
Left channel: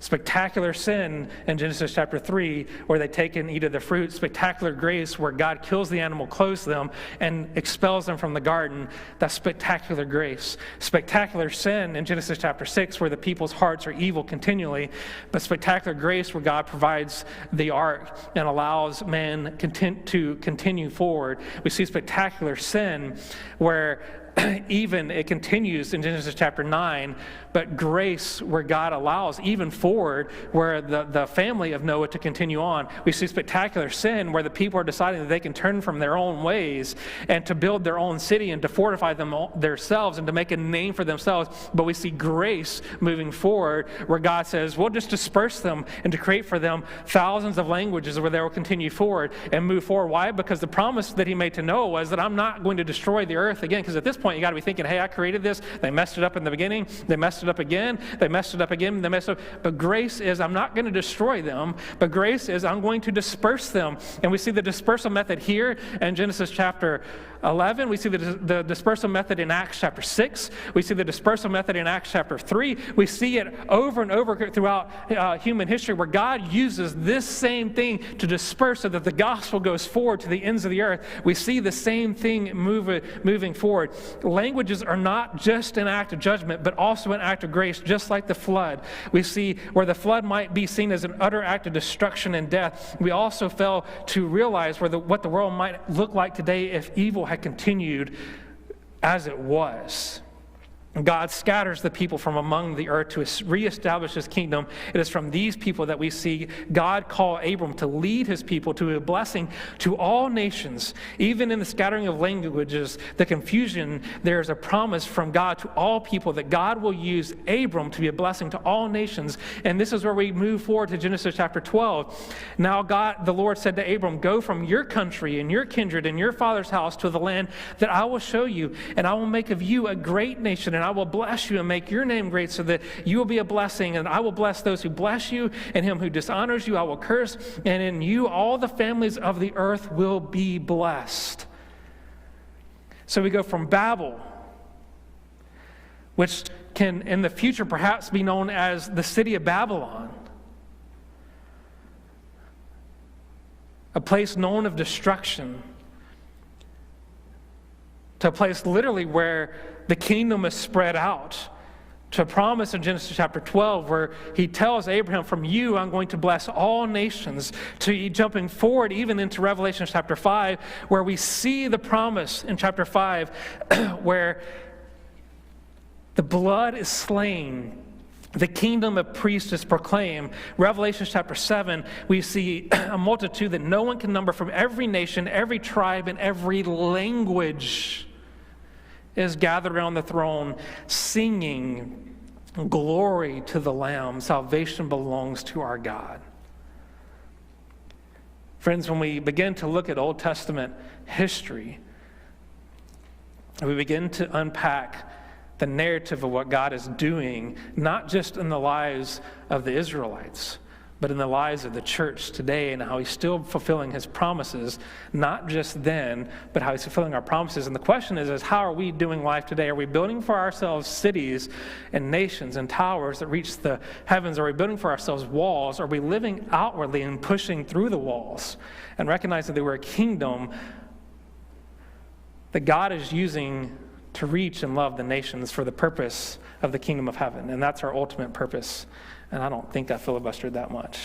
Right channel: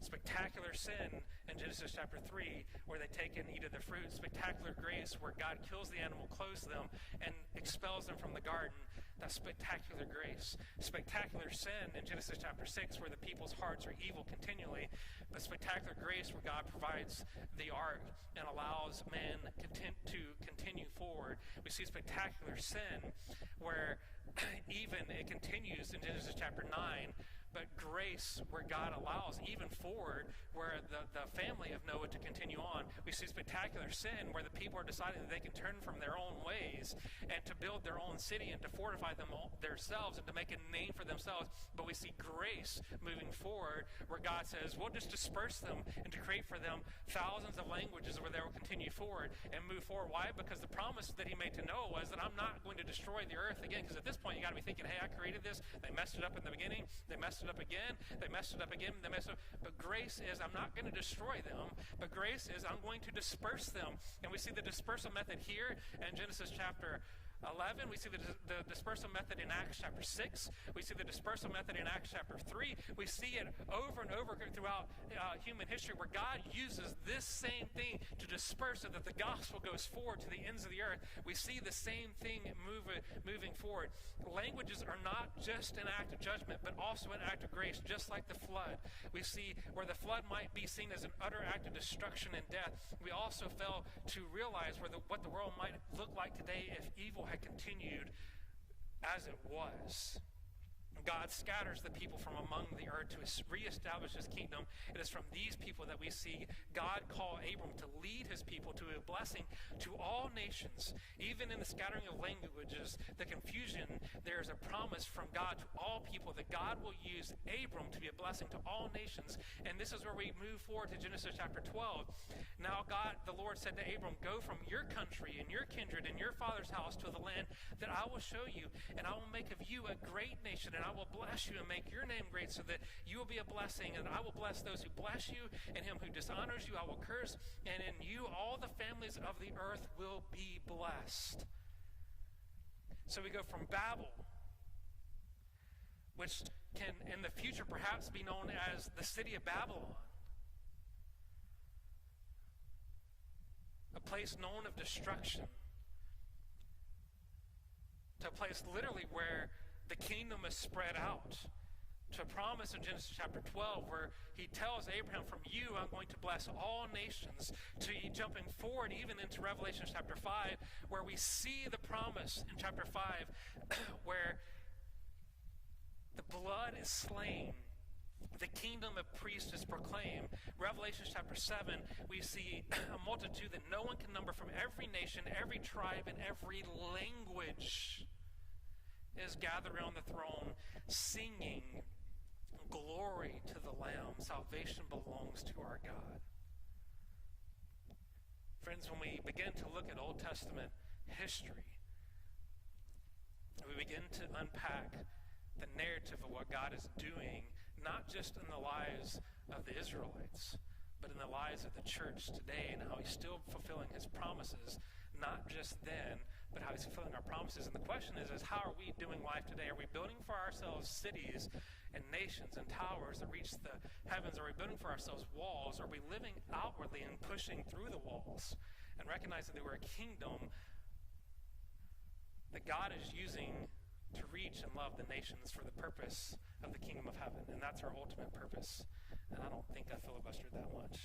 Spectacular sin in Genesis chapter 3, where they take and eat of the fruit. Spectacular grace, where God kills the animal, clothes them, and expels them from the garden. That's spectacular grace. Spectacular sin in Genesis chapter 6, where the people's hearts are evil continually. But spectacular grace, where God provides the ark and allows man to continue forward. We see spectacular sin, where even it continues in Genesis chapter 9, but grace where God allows even forward where the family of Noah to continue on. We see spectacular sin where the people are deciding that they can turn from their own ways and to build their own city and to fortify themselves and to make a name for themselves. But we see grace moving forward where God says, we'll just disperse them and to create for them thousands of languages where they will continue forward and move forward. Why? Because the promise that he made to Noah was that I'm not going to destroy the earth again. Because at this point, you got to be thinking, hey, I created this. They messed it up in the beginning. They messed it up again. They messed it up again. They messed it up. But grace is I'm not going to destroy them, but grace is I'm going to disperse them. And we see the dispersal method here in Genesis chapter 11. We see the dispersal method in Acts chapter 6. We see the dispersal method in Acts chapter 3. We see it over and over throughout human history where God uses this same thing to disperse so that the gospel goes forward to the ends of the earth. We see the same thing moving forward. Languages are not just an act of judgment, but also an act of grace, just like the flood. We see where the flood might be seen as an utter act of destruction and death. We also fail to realize what the world might look like today if evil had continued as it was. God scatters the people from among the earth to reestablish his kingdom. It is from these people that we see God call Abram to lead his people to a blessing to all nations. Even in the scattering of languages, the confusion, there is a promise from God to all people that God will use Abram to be a blessing to all nations. And this is where we move forward to Genesis chapter 12. Now God, the Lord said to Abram, go from your country and your kindred and your father's house to the land that I will show you, and I will make of you a great nation, and I will bless you and make your name great so that you will be a blessing, and I will bless those who bless you, and him who dishonors you I will curse, and in you all the families of the earth will be blessed. So we go from Babel, which can in the future perhaps be known as the city of Babylon, a place known of destruction, to a place literally where the kingdom is spread out, to a promise in Genesis chapter 12 where he tells Abraham, from you I'm going to bless all nations, to jumping forward even into Revelation chapter 5 where we see the promise in chapter 5 where the blood is slain, the kingdom of priests is proclaimed. Revelation chapter 7, we see a multitude that no one can number from every nation, every tribe, and every language is gathered around the throne singing, glory to the Lamb, salvation belongs to our God. Friends, when we begin to look at Old Testament history, we begin to unpack the narrative of what God is doing, not just in the lives of the Israelites, but in the lives of the church today, and how he's still fulfilling his promises, not just then, but how he's fulfilling our promises. And the question is how are we doing life today? Are we building for ourselves cities and nations and towers that reach the heavens? Are we building for ourselves walls? Are we living outwardly and pushing through the walls and recognizing that we're a kingdom that God is using to reach and love the nations for the purpose of the kingdom of heaven? And that's our ultimate purpose. And I don't think I filibustered that much.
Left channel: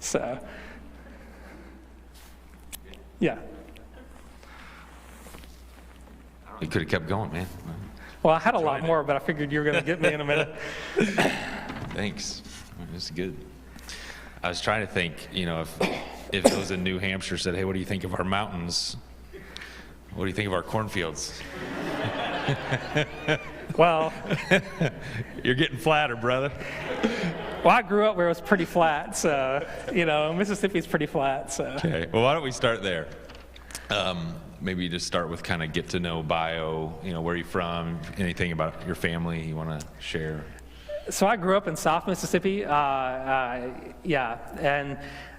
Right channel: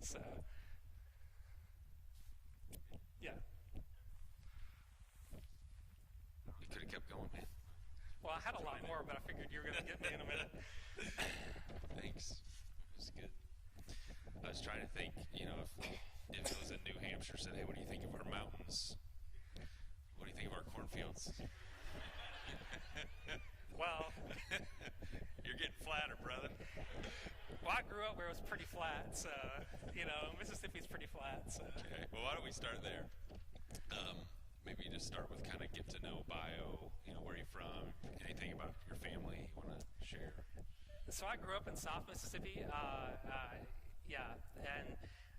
So, yeah. You could have kept going, man. Well, I had a lot more, but I figured you were going to get me in a minute. Thanks. This is good. I was trying to think, if those in New Hampshire said, hey, what do you think of our mountains? What do you think of our cornfields? Well, you're getting flatter, brother. Well, I grew up where it was pretty flat, so, Mississippi's pretty flat, so. Okay, well, why don't we start there? Maybe just start with kind of get to know bio, where you're from, anything about your family you want to share. So I grew up in South Mississippi, and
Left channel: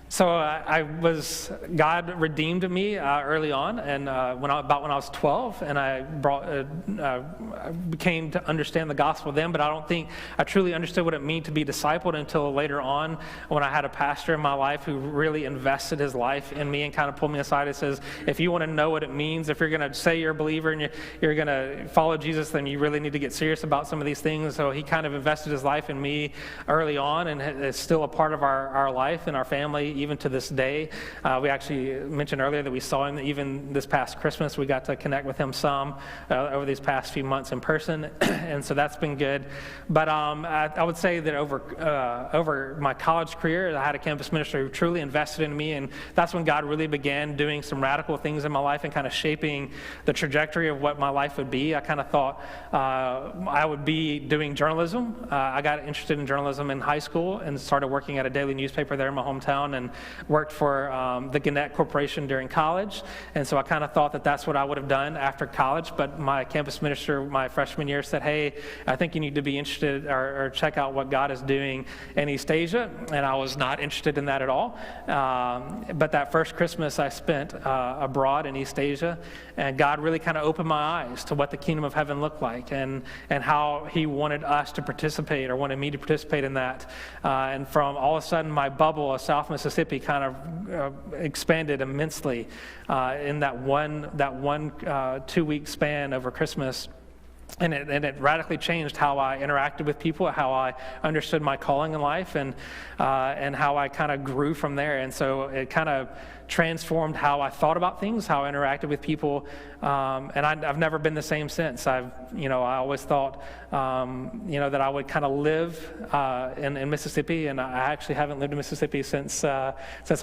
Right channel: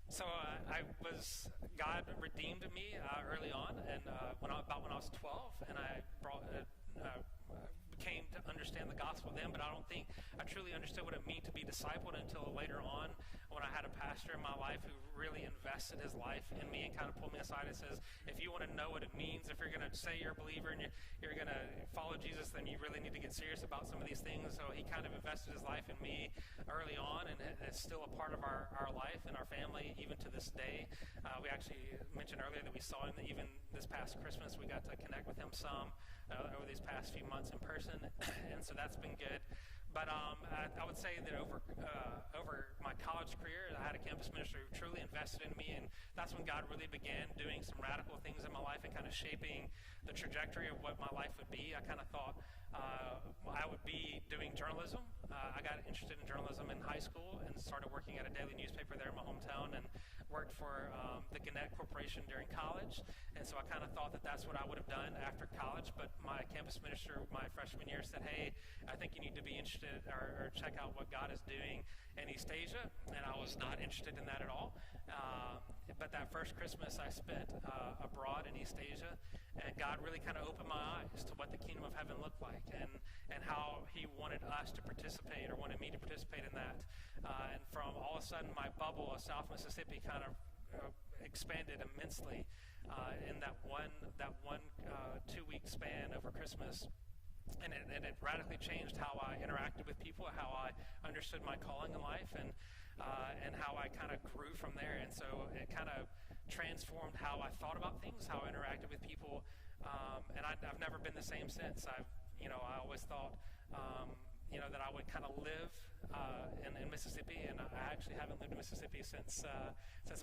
so God redeemed me early on, and when I was 12, and I became to understand the gospel then, but I don't think I truly understood what it meant to be discipled until later on when I had a pastor in my life who really invested his life in me and kind of pulled me aside and says, if you want to know what it means, if you're going to say you're a believer and you're going to follow Jesus, then you really need to get serious about some of these things. So he kind of invested his life in me early on, and it's still a part of our life and our family even to this day. We actually mentioned earlier that we saw him even this past Christmas. We got to connect with him some over these past few months in person, and so that's been good. But I would say that over my college career, I had a campus minister who truly invested in me, and that's when God really began doing some radical things in my life and kind of shaping the trajectory of what my life would be. I kind of thought I would be doing journalism. I got interested in journalism in high school and started working at a daily newspaper there in my hometown, and worked for the Gannett Corporation during college. And so I kind of thought that that's what I would have done after college, but my campus minister my freshman year said, hey, I think you need to be interested or check out what God is doing in East Asia, and I was not interested in that at all. But that first Christmas I spent abroad in East Asia, and God really kind of opened my eyes to what the kingdom of heaven looked like, and how he wanted us to participate, or wanted me to participate in that. And from all of a sudden, my bubble of South Mississippi kind of expanded immensely in that one 2-week span over Christmas. And it radically changed how I interacted with people, how I understood my calling in life, and how I kind of grew from there. And so it kind of transformed how I thought about things, how I interacted with people, and I've never been the same since. I always thought, that I would kind of live in Mississippi, and I actually haven't lived in Mississippi since I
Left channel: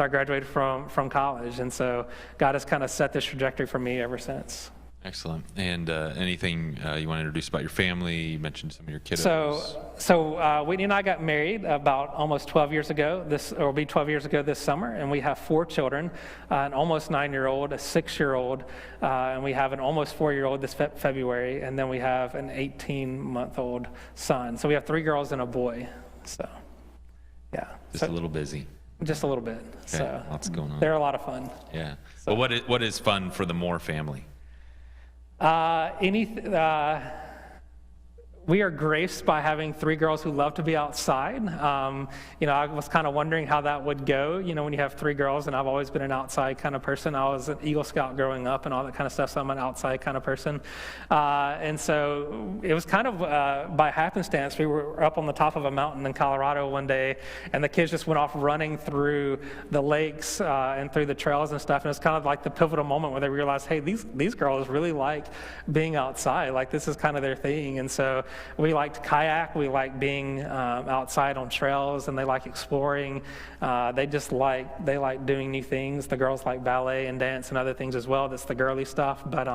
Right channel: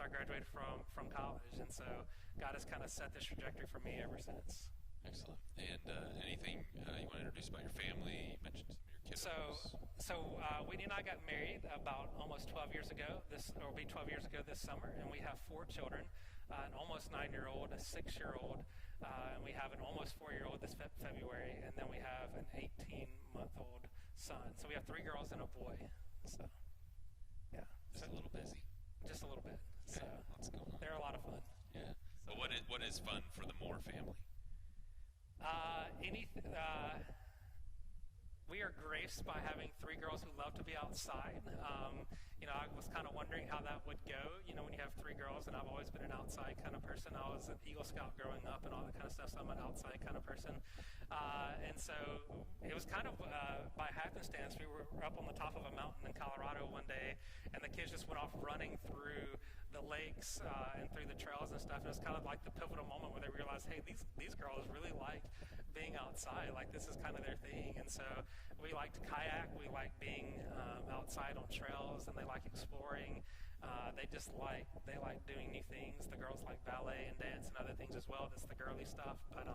graduated from college. And so God has kind of set this trajectory for me ever since. Excellent. And anything you want to introduce about your family? You mentioned some of your kiddos. So Whitney and I got married about almost 12 years ago. Will be 12 years ago this summer, and we have 4 children: an almost 9-year-old, a 6-year-old, and we have an almost 4-year-old this February, and then we have an 18-month-old son. So we have 3 girls and a boy. So, yeah. Just a little busy. Just a little bit. Okay. So lots going on. They're a lot of fun. Yeah. So. Well, what is fun for the Moore family? We are graced by having 3 girls who love to be outside. I was kind of wondering how that would go, when you have 3 girls, and I've always been an outside kind of person. I was an Eagle Scout growing up and all that kind of stuff, so I'm an outside kind of person. And so it was kind of by happenstance. We were up on the top of a mountain in Colorado one day, and the kids just went off running through the lakes and through the trails and stuff, and it's kind of like the pivotal moment where they realized, hey, these girls really like being outside. Like, this is kind of their thing. And so we like to kayak, we like being outside on trails, and they like exploring. They like doing new things. The girls like ballet and dance and other things as well. That's the girly stuff, but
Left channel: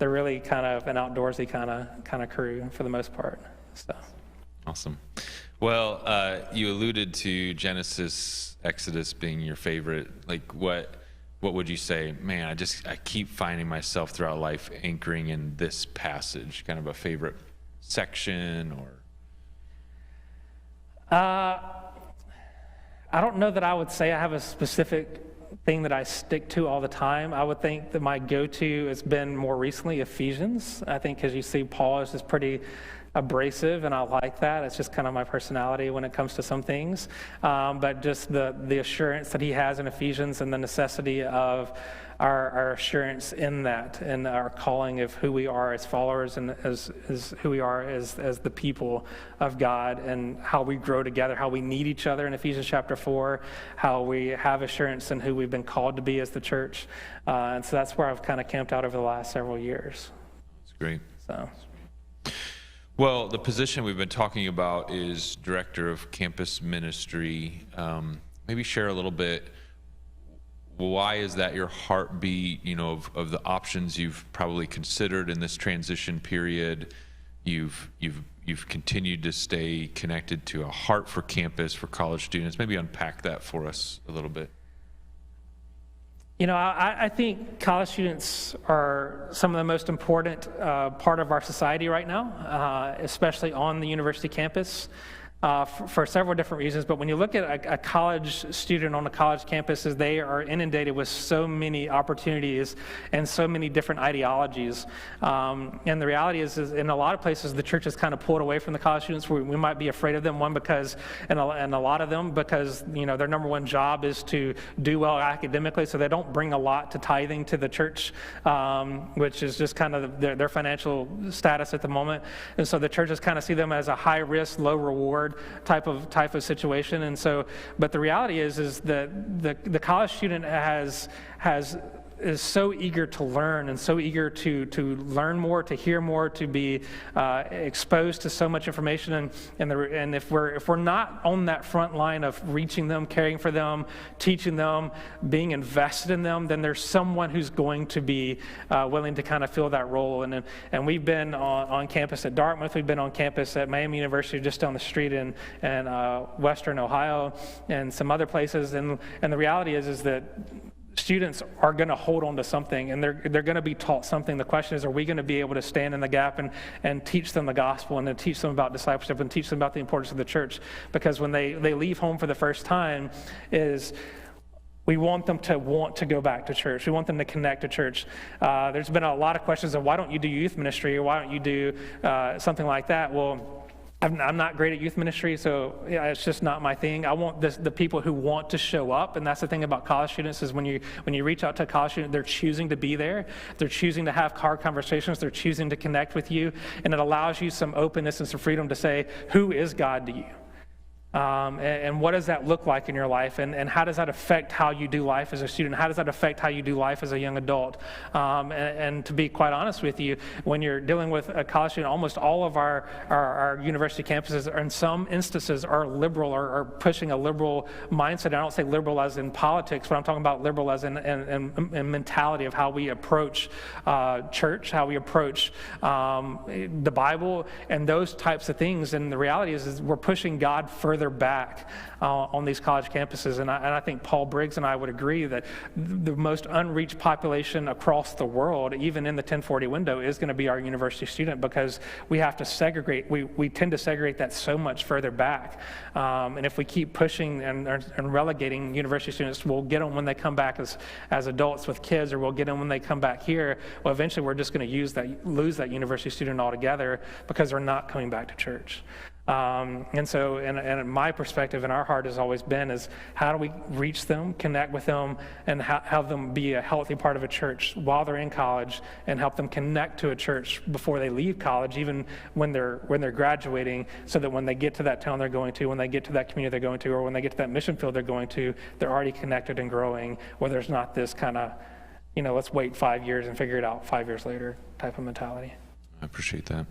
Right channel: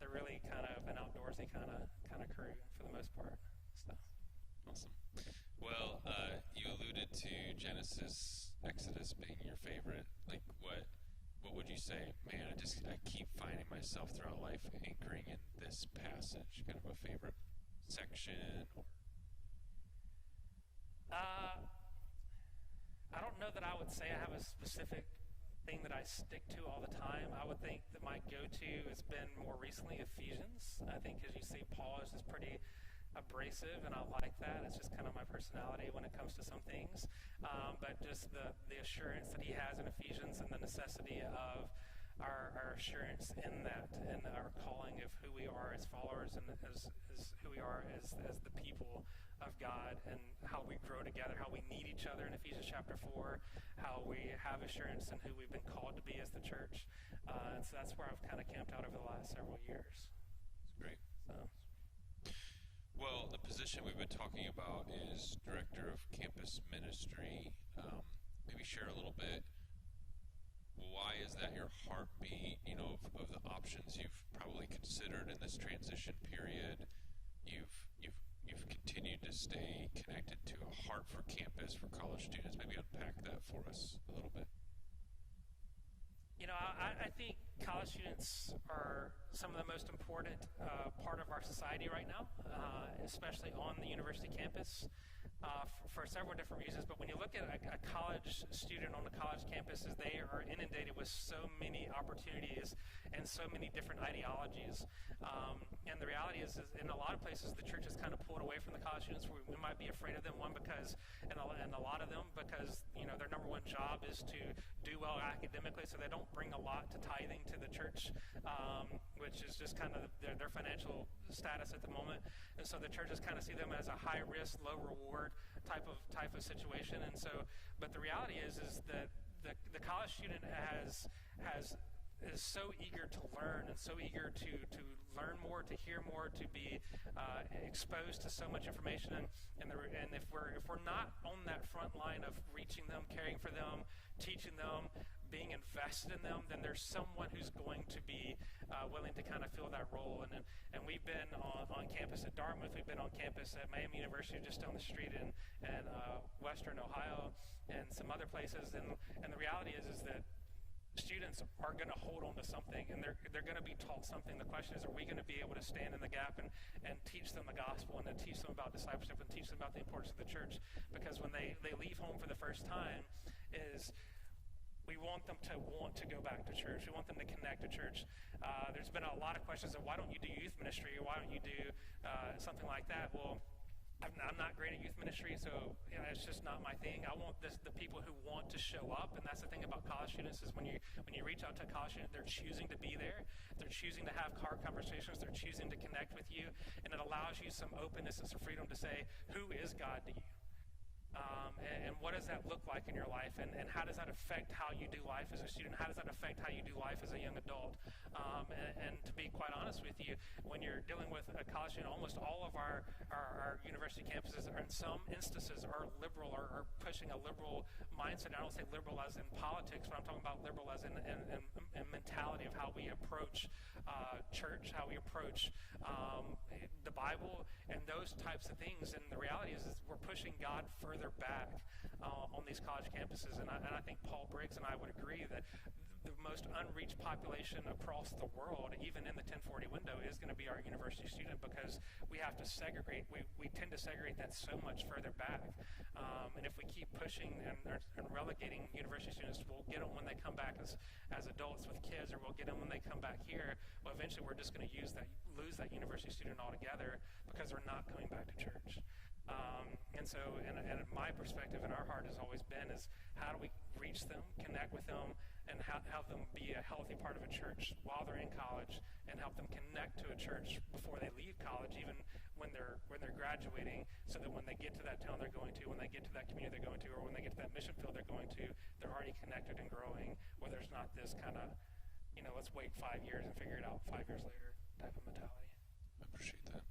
they're really kind of an outdoorsy kind of crew for the most part. So. Awesome. Well, you alluded to Genesis, Exodus being your favorite. Like, what would you say? Man, I keep finding myself throughout life anchoring in this passage, kind of a favorite section, or? I don't know that I would say I have a specific thing that I stick to all the time. I would think that my go-to has been more recently Ephesians. I think because you see Paul is just pretty abrasive, and I like that. It's just kind of my personality when it comes to some things. But just the assurance that he has in Ephesians, and the necessity of our assurance in that, and our calling of who we are as followers, and as who we are as the people of God, and how we grow together, how we need each other in Ephesians chapter 4, how we have assurance in who we've been called to be as the church. And so that's where I've kind of camped out over the last several years. That's great. So. Well, the position we've been talking about is Director of Campus Ministry. Maybe share a little bit, why is that your heartbeat, of the options you've probably considered in this transition period? You've continued to stay connected to a heart for campus, for college students. Maybe unpack that for us a little bit. I think college students are some of the most important part of our society right now, especially on the university campus. For several different reasons, but when you look at a college student on a college campus, they are inundated with so many opportunities and so many different ideologies. And the reality is in a lot of places, the church has kind of pulled away from the college students. We might be afraid of them, one, because, and a lot of them, because, their number one job is to do well academically, so they don't bring a lot to tithing to the church, which is just kind of their financial status at the moment. And so the churches kind of see them as a high risk, low reward board type of situation. And so, but the reality is that the college student is so eager to learn and so eager to learn more, to hear more, to be exposed to so much information. And if we're not on that front line of reaching them, caring for them, teaching them, being invested in them, then there's someone who's going to be willing to kind of fill that role. And we've been on campus at Dartmouth. We've been on campus at Miami University, just down the street in Western Ohio, and some other places. And the reality is that students are going to hold on to something, and they're going to be taught something. The question is, are we going to be able to stand in the gap and teach them the gospel, and to teach them about discipleship, and teach them about the importance of the church? Because when they leave home for the first time, we want them to want to go back to church. We want them to connect to church. There's been a lot of questions of, why don't you do youth ministry, or why don't you do something like that? Well, I'm not great at youth ministry, so it's just not my thing. I want the people who want to show up, and that's the thing about college students is when you reach out to a college student, they're choosing to be there. They're choosing to have hard conversations. They're choosing to connect with you, and it allows you some openness and some freedom to say, who is God to you? And what does that look like in your life? And how does that affect how you do life as a student? How does that affect how you do life as a young adult? And to be quite honest with you, when you're dealing with a college student, almost all of our university campuses, in some instances, are liberal or are pushing a liberal mindset. I don't say liberal as in politics, but I'm talking about liberal as in mentality of how we approach church, how we approach the Bible, and those types of things. And the reality is we're pushing God further back on these college campuses. And I think Paul Briggs and I would agree that the most unreached population across the world, even in the 1040 window, is going to be our university student, because we have to segregate. We tend to segregate that so much further back. And if we keep pushing and relegating university students, we'll get them when they come back as adults with kids, or we'll get them when they come back here. Well, eventually we're just going to lose that university student altogether, because they're not coming back to church. And so, and my perspective in our heart has always been is, how do we reach them, connect with them, and have them be a healthy part of a church while they're in college, and help them connect to a church before they leave college, even when they're graduating, so that when they get to that town they're going to, when they get to that community they're going to, or when they get to that mission field they're going to, they're already connected and growing, where there's not this kind of, let's wait 5 years and figure it out 5 years later type of mentality. I appreciate that.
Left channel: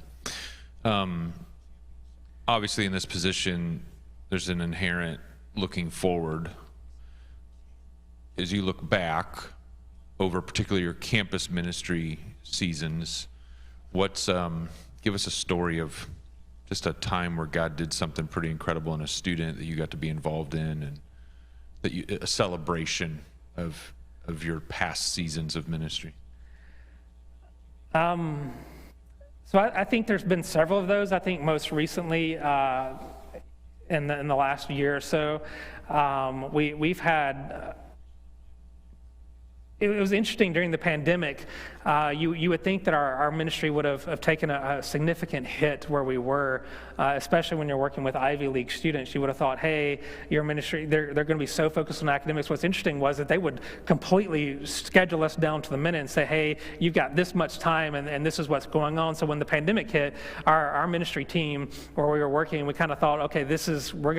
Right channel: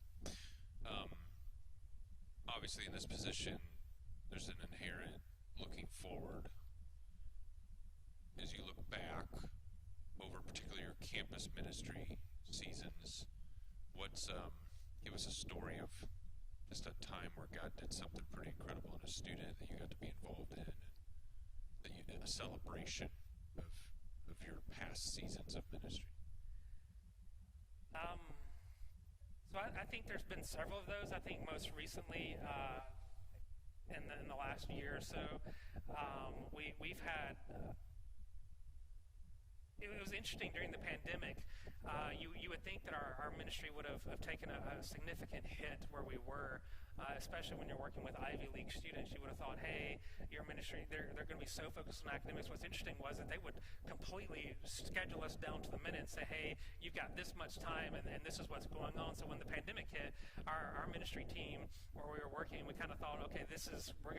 Obviously, in this position, there's an inherent looking forward. As you look back over particularly your campus ministry seasons, give us a story of just a time where God did something pretty incredible in a student that you got to be involved in, and a celebration of your past seasons of ministry. So I think there's been several of those. I think most recently, in the last year or so, we've had. It was interesting during the pandemic. You would think that our ministry would have taken a significant hit where we were, especially when you're working with Ivy League students. You would have thought, hey, your ministry, they're going to be so focused on academics. What's interesting was that they would completely schedule us down to the minute and say, hey, you've got this much time, and this is what's going on. So when the pandemic hit, our ministry team, where we were working, we kind of thought, okay, we're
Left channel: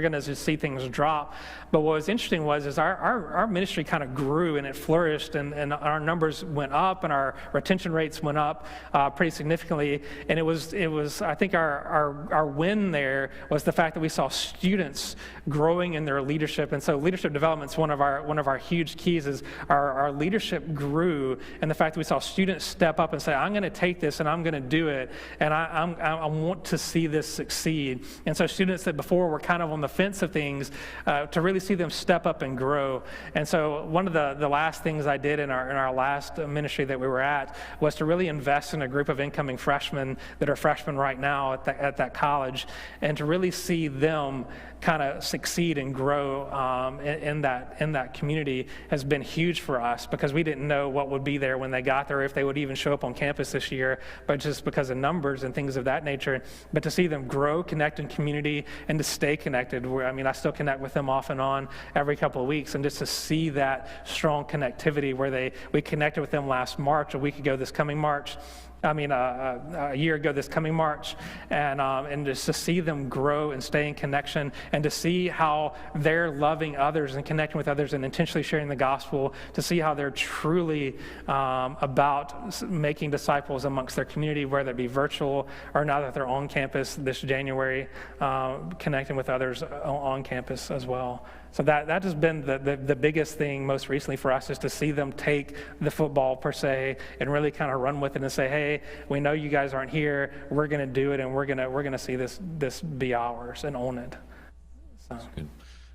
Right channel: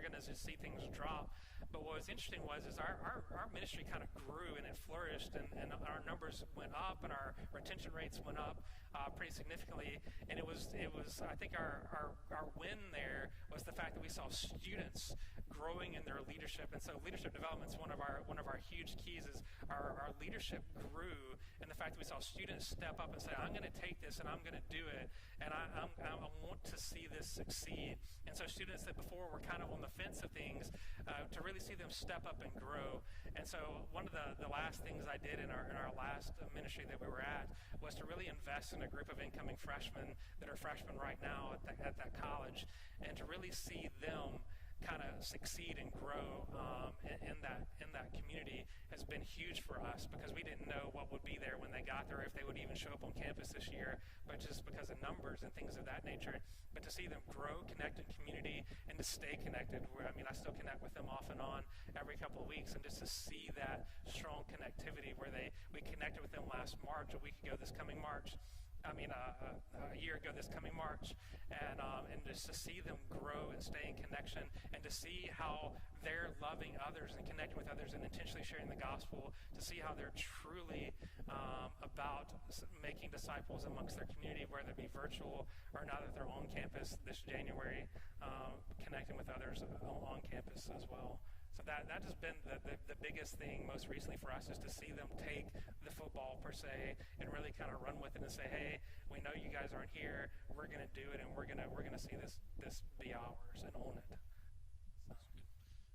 gonna just see things drop. But what was interesting was our ministry kind of grew, and it flourished, and our numbers went up, and our retention rates went up pretty significantly. And it was I think our win there was the fact that we saw students growing in their leadership. And so leadership development is one of our huge keys. Is our leadership grew, and the fact that we saw students step up and say, I'm going to take this and I'm going to do it, and I want to see this succeed. And so students that before were kind of on the fence of things, to really see them step up and grow. And so one of the last things I did in our last ministry that we were at was to really invest in a group of incoming freshmen that are freshmen right now at that college, and to really see them kind of succeed and grow in that community has been huge for us, because we didn't know what would be there when they got there, if they would even show up on campus this year, but just because of numbers and things of that nature. But to see them grow, connect in community, and to stay connected. I still connect with them off and on every couple of weeks, and just to see that strong connectivity where we connected with them last March, a week ago this coming March. a year ago this coming March, and just to see them grow and stay in connection, and to see how they're loving others and connecting with others and intentionally sharing the gospel, to see how they're truly about making disciples amongst their community, whether it be virtual or now that they're on campus this January, connecting with others on campus as well. So that has been the biggest thing most recently for us, is to see them take the football per se and really kind of run with it and say, hey, we know you guys aren't here, we're going to do it, and we're going to see this be ours and own it. So. Good.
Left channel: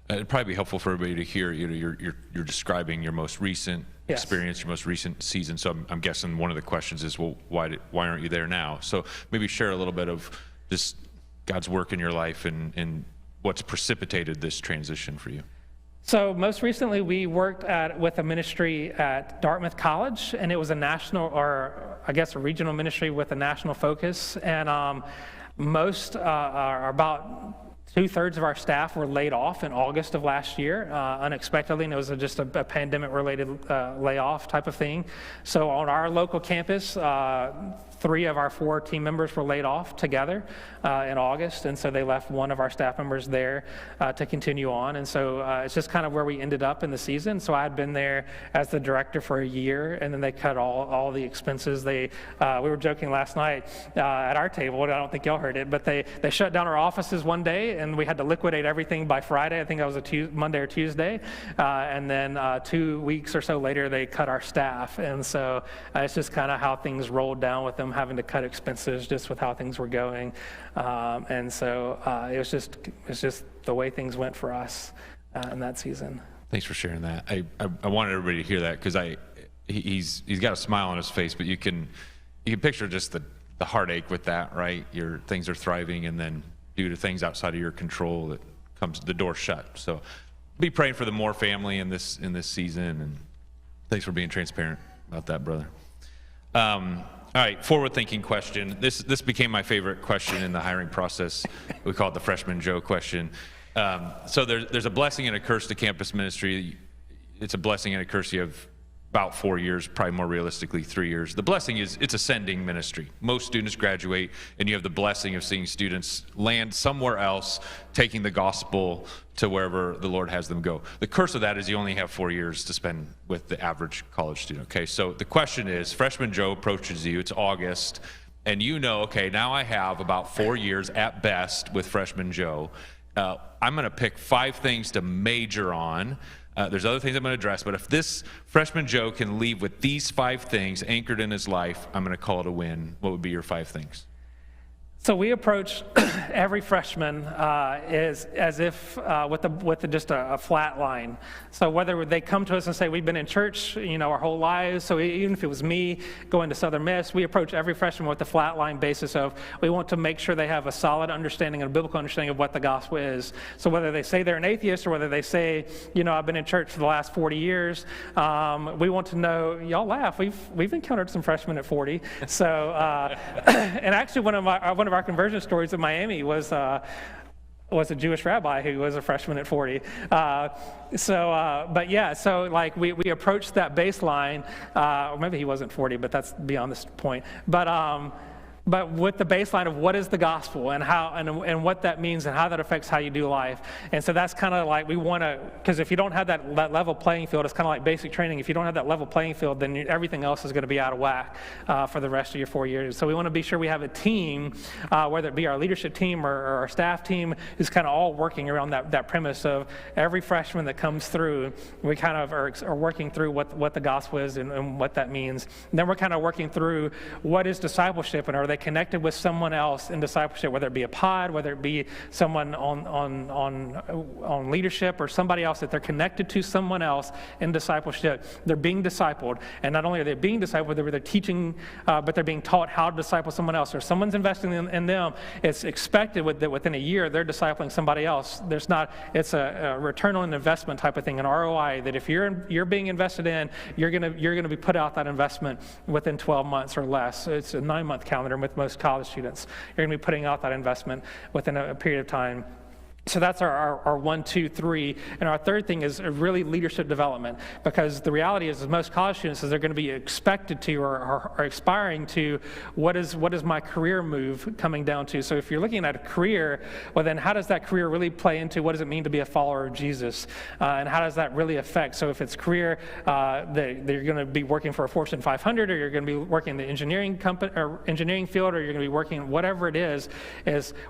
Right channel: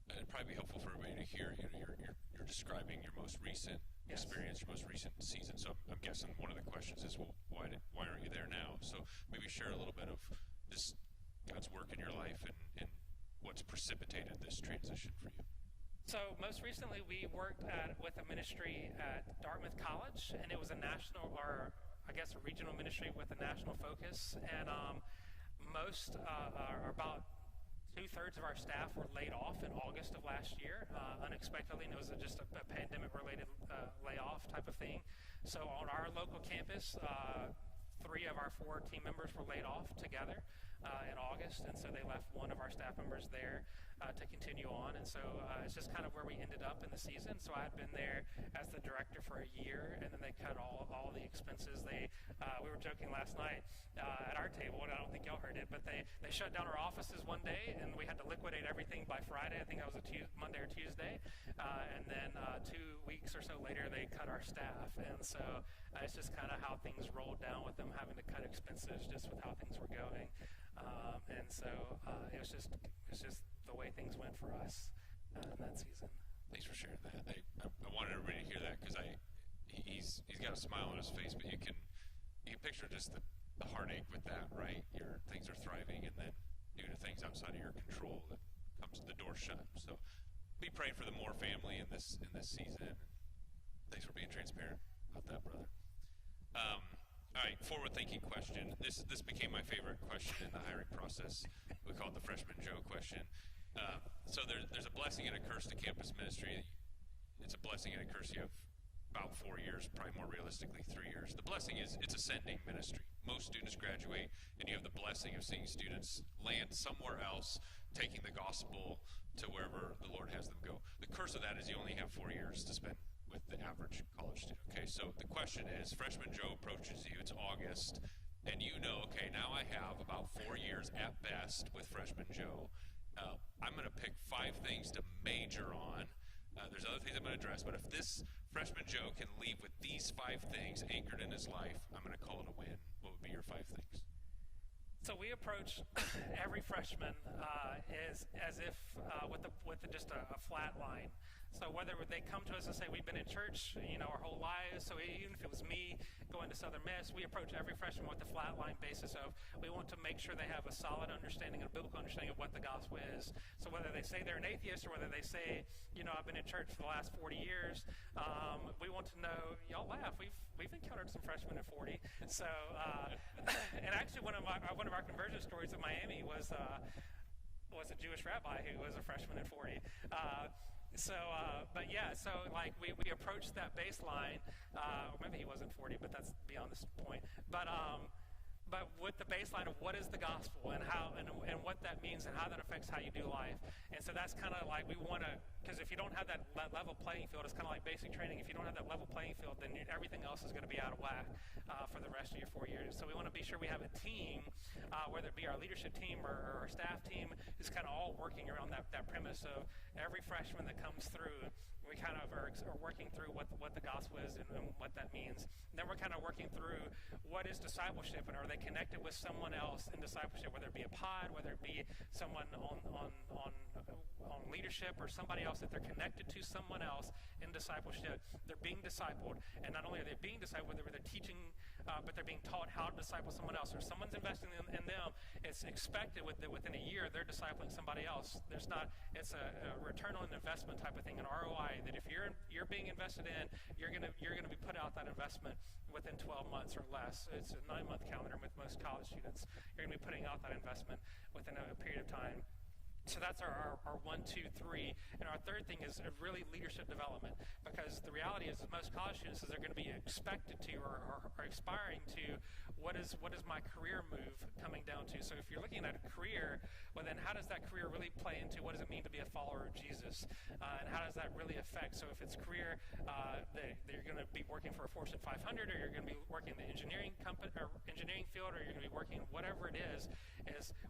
It'd probably be helpful for everybody to hear, you're describing your most recent experience, your most recent season. So I'm guessing one of the questions is, well, why aren't you there now? So maybe share a little bit of just God's work in your life and what's precipitated this transition for you. So most recently, we worked with a ministry at Dartmouth College, and it was a national, or I guess a regional ministry with a national focus. And about 2/3 of our staff were laid off in August of last year, unexpectedly, and it was just a pandemic-related layoff type of thing. So on our local campus, 3 of our 4 team members were laid off together in August, and so they left one of our staff members there to continue on. And so it's just kind of where we ended up in the season. So I had been there as the director for a year, and then they cut all the expenses. We were joking last night at our table, and I don't think y'all heard it, but they shut down our offices one day, and we had to liquidate everything by Friday. I think that was a Monday or Tuesday. And then 2 weeks or so later, they cut our staff. And so it's just kind of how things rolled down with them having to cut expenses just with how things were going. And so it was just the way things went for us in that season. Thanks for sharing that. I wanted everybody to hear that, because he's got a smile on his face, but you can picture just the heartache with that, right? Things are thriving, and then due to things outside of your control, it comes the door shut. So be praying for the Moore family in this season, and thanks for being transparent about that, brother. All right, forward-thinking question. This became my favorite question in the hiring process. We call it the Freshman Joe question. So there's a blessing and a curse to campus ministry. It's a blessing and a curse. You have about 4 years, probably more realistically 3 years. The blessing is it's a sending ministry. Most students graduate, and you have the blessing of seeing students land somewhere else, taking the gospel to wherever the Lord has them go. The curse of that is you only have 4 years to spend with the average college student. Okay, so the question is, Freshman Joe approaches you, it's August, and you know, okay, now I have about 4 years at best with Freshman Joe. I'm going to pick 5 things to major on. There's other things I'm going to address, but if this Freshman Joe can leave with these 5 things anchored in his life, I'm going to call it a win. What would be your 5 things? So we approach every freshman as if with just a flat line. So whether they come to us and say, we've been in church, our whole lives, so even if it was me going to Southern Miss, we approach every freshman with the flat line basis of we want to make sure they have a solid understanding and a biblical understanding of what the gospel is. So whether they say they're an atheist or whether they say, I've been in church for the last 40 years, we want to know, y'all laugh, we've encountered some freshmen at 40. So, and actually one of our conversion stories in Miami was a Jewish rabbi who was a freshman at 40. So like we approached that baseline, or maybe he wasn't 40, but that's beyond this point. But with the baseline of what is the gospel and how and what that means and how that affects how you do life. And so that's kind of like we want to, because if you don't have that level playing field, it's kind of like basic training. If you don't have that level playing field, then everything else is going to be out of whack for the rest of your 4 years. So we want to be sure we have a team, whether it be our leadership team or our staff team, who's kind of all working around that premise of every freshman that comes through, we kind of are working through what the gospel is and what that means. And then we're kind of working through what is discipleship, and are they connected with someone else in discipleship, whether it be a pod, whether it be someone on leadership, or somebody else that they're connected to someone else in discipleship. They're being discipled, and not only are they being discipled, they're teaching, but they're being taught how to disciple someone else. Or someone's investing in them. It's expected that within a year they're discipling somebody else. It's a return on investment type of thing, an ROI. That if you're being invested in, you're gonna be put out that investment within 12 months or less. So it's a 9-month calendar with most college students. You're going to be putting out that investment within a period of time. So that's our 1, 2, 3. And our third thing is really leadership development, because the reality is most college students is they're going to be expected to or aspiring to what is my career move coming down to. So if you're looking at a career, well then how does that career really play into what does it mean to be a follower of Jesus? And how does that really affect? So if it's career, they're going to be working for a Fortune 500, or you're going to be working in the engineering company or engineering field, or you're going to be working whatever it is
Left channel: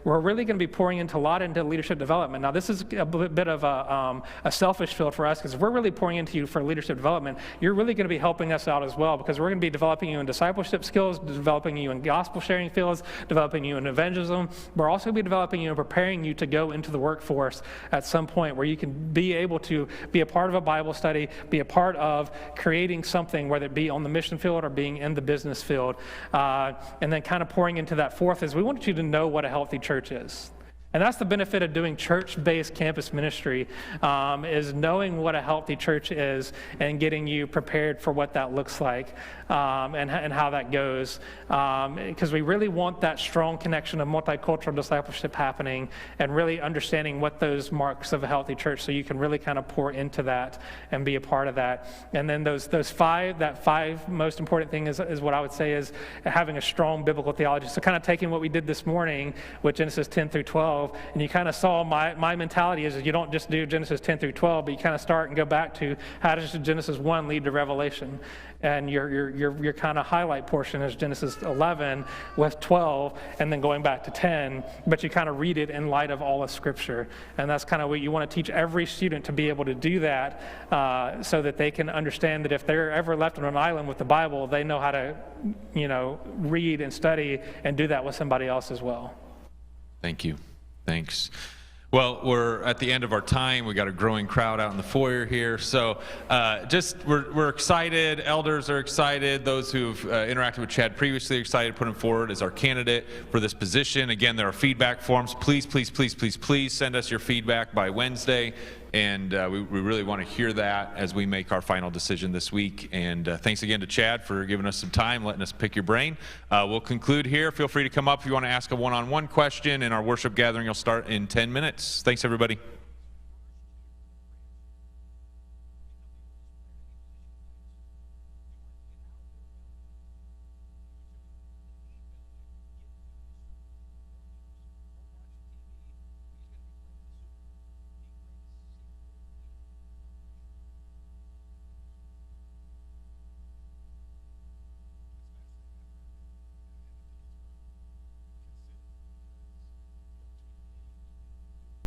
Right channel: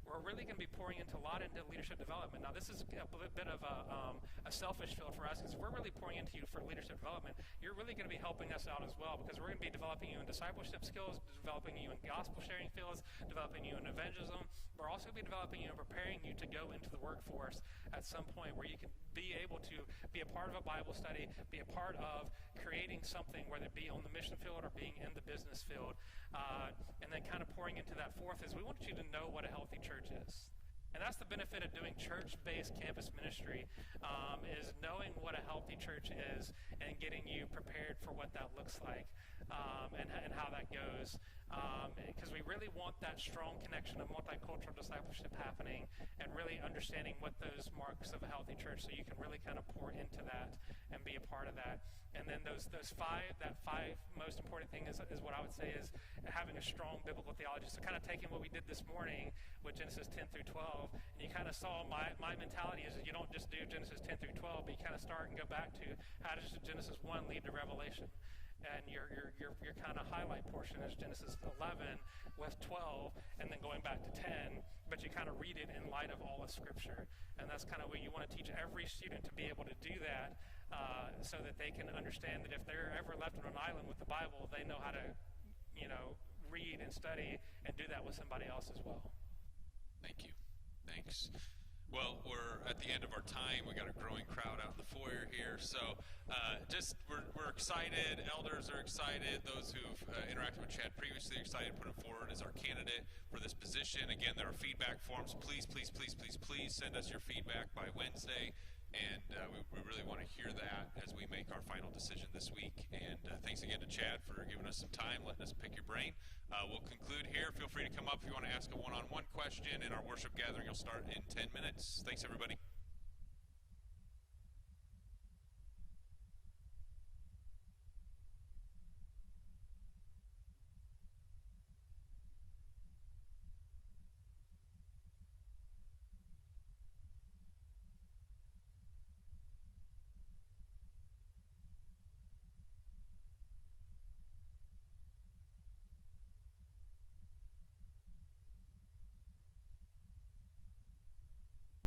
we're really going to be pouring into a lot into leadership development. Now, this is a bit of a selfish field for us, because if we're really pouring into you for leadership development, you're really going to be helping us out as well, because we're going to be developing you in discipleship skills, developing you in gospel sharing fields, developing you in evangelism. We're also going to be developing you and preparing you to go into the workforce at some point where you can be able to be a part of a Bible study, be a part of creating something, whether it be on the mission field or being in the business field. And then kind of pouring into that fourth is we want you to know what a healthy church is. And that's the benefit of doing church-based campus ministry, is knowing what a healthy church is and getting you prepared for what that looks like and how that goes. Because we really want that strong connection of multicultural discipleship happening and really understanding what those marks of a healthy church, so you can really kind of pour into that and be a part of that. And then that five most important thing is what I would say is having a strong biblical theology. So kind of taking what we did this morning with Genesis 10 through 12, and you kind of saw my mentality is you don't just do Genesis 10 through 12, but you kind of start and go back to how does Genesis 1 lead to Revelation? And your kind of highlight portion is Genesis 11 with 12, and then going back to 10, but you kind of read it in light of all of Scripture. And that's kind of what you want to teach every student, to be able to do that, so that they can understand that if they're ever left on an island with the Bible, they know how to, read and study and do that with somebody else as well. Thank you. Thanks. Well, we're at the end of our time. We got a growing crowd out in the foyer here. So we're excited. Elders are excited. Those who've interacted with Chad previously are excited to put him forward as our candidate for this position. Again, there are feedback forms. Please, please, please, please, please send us your feedback by Wednesday. And we really want to hear that as we make our final decision this week. And thanks again to Chad for giving us some time, letting us pick your brain. We'll conclude here. Feel free to come up if you want to ask a one-on-one question, and our worship gathering will start in 10 minutes. Thanks, everybody.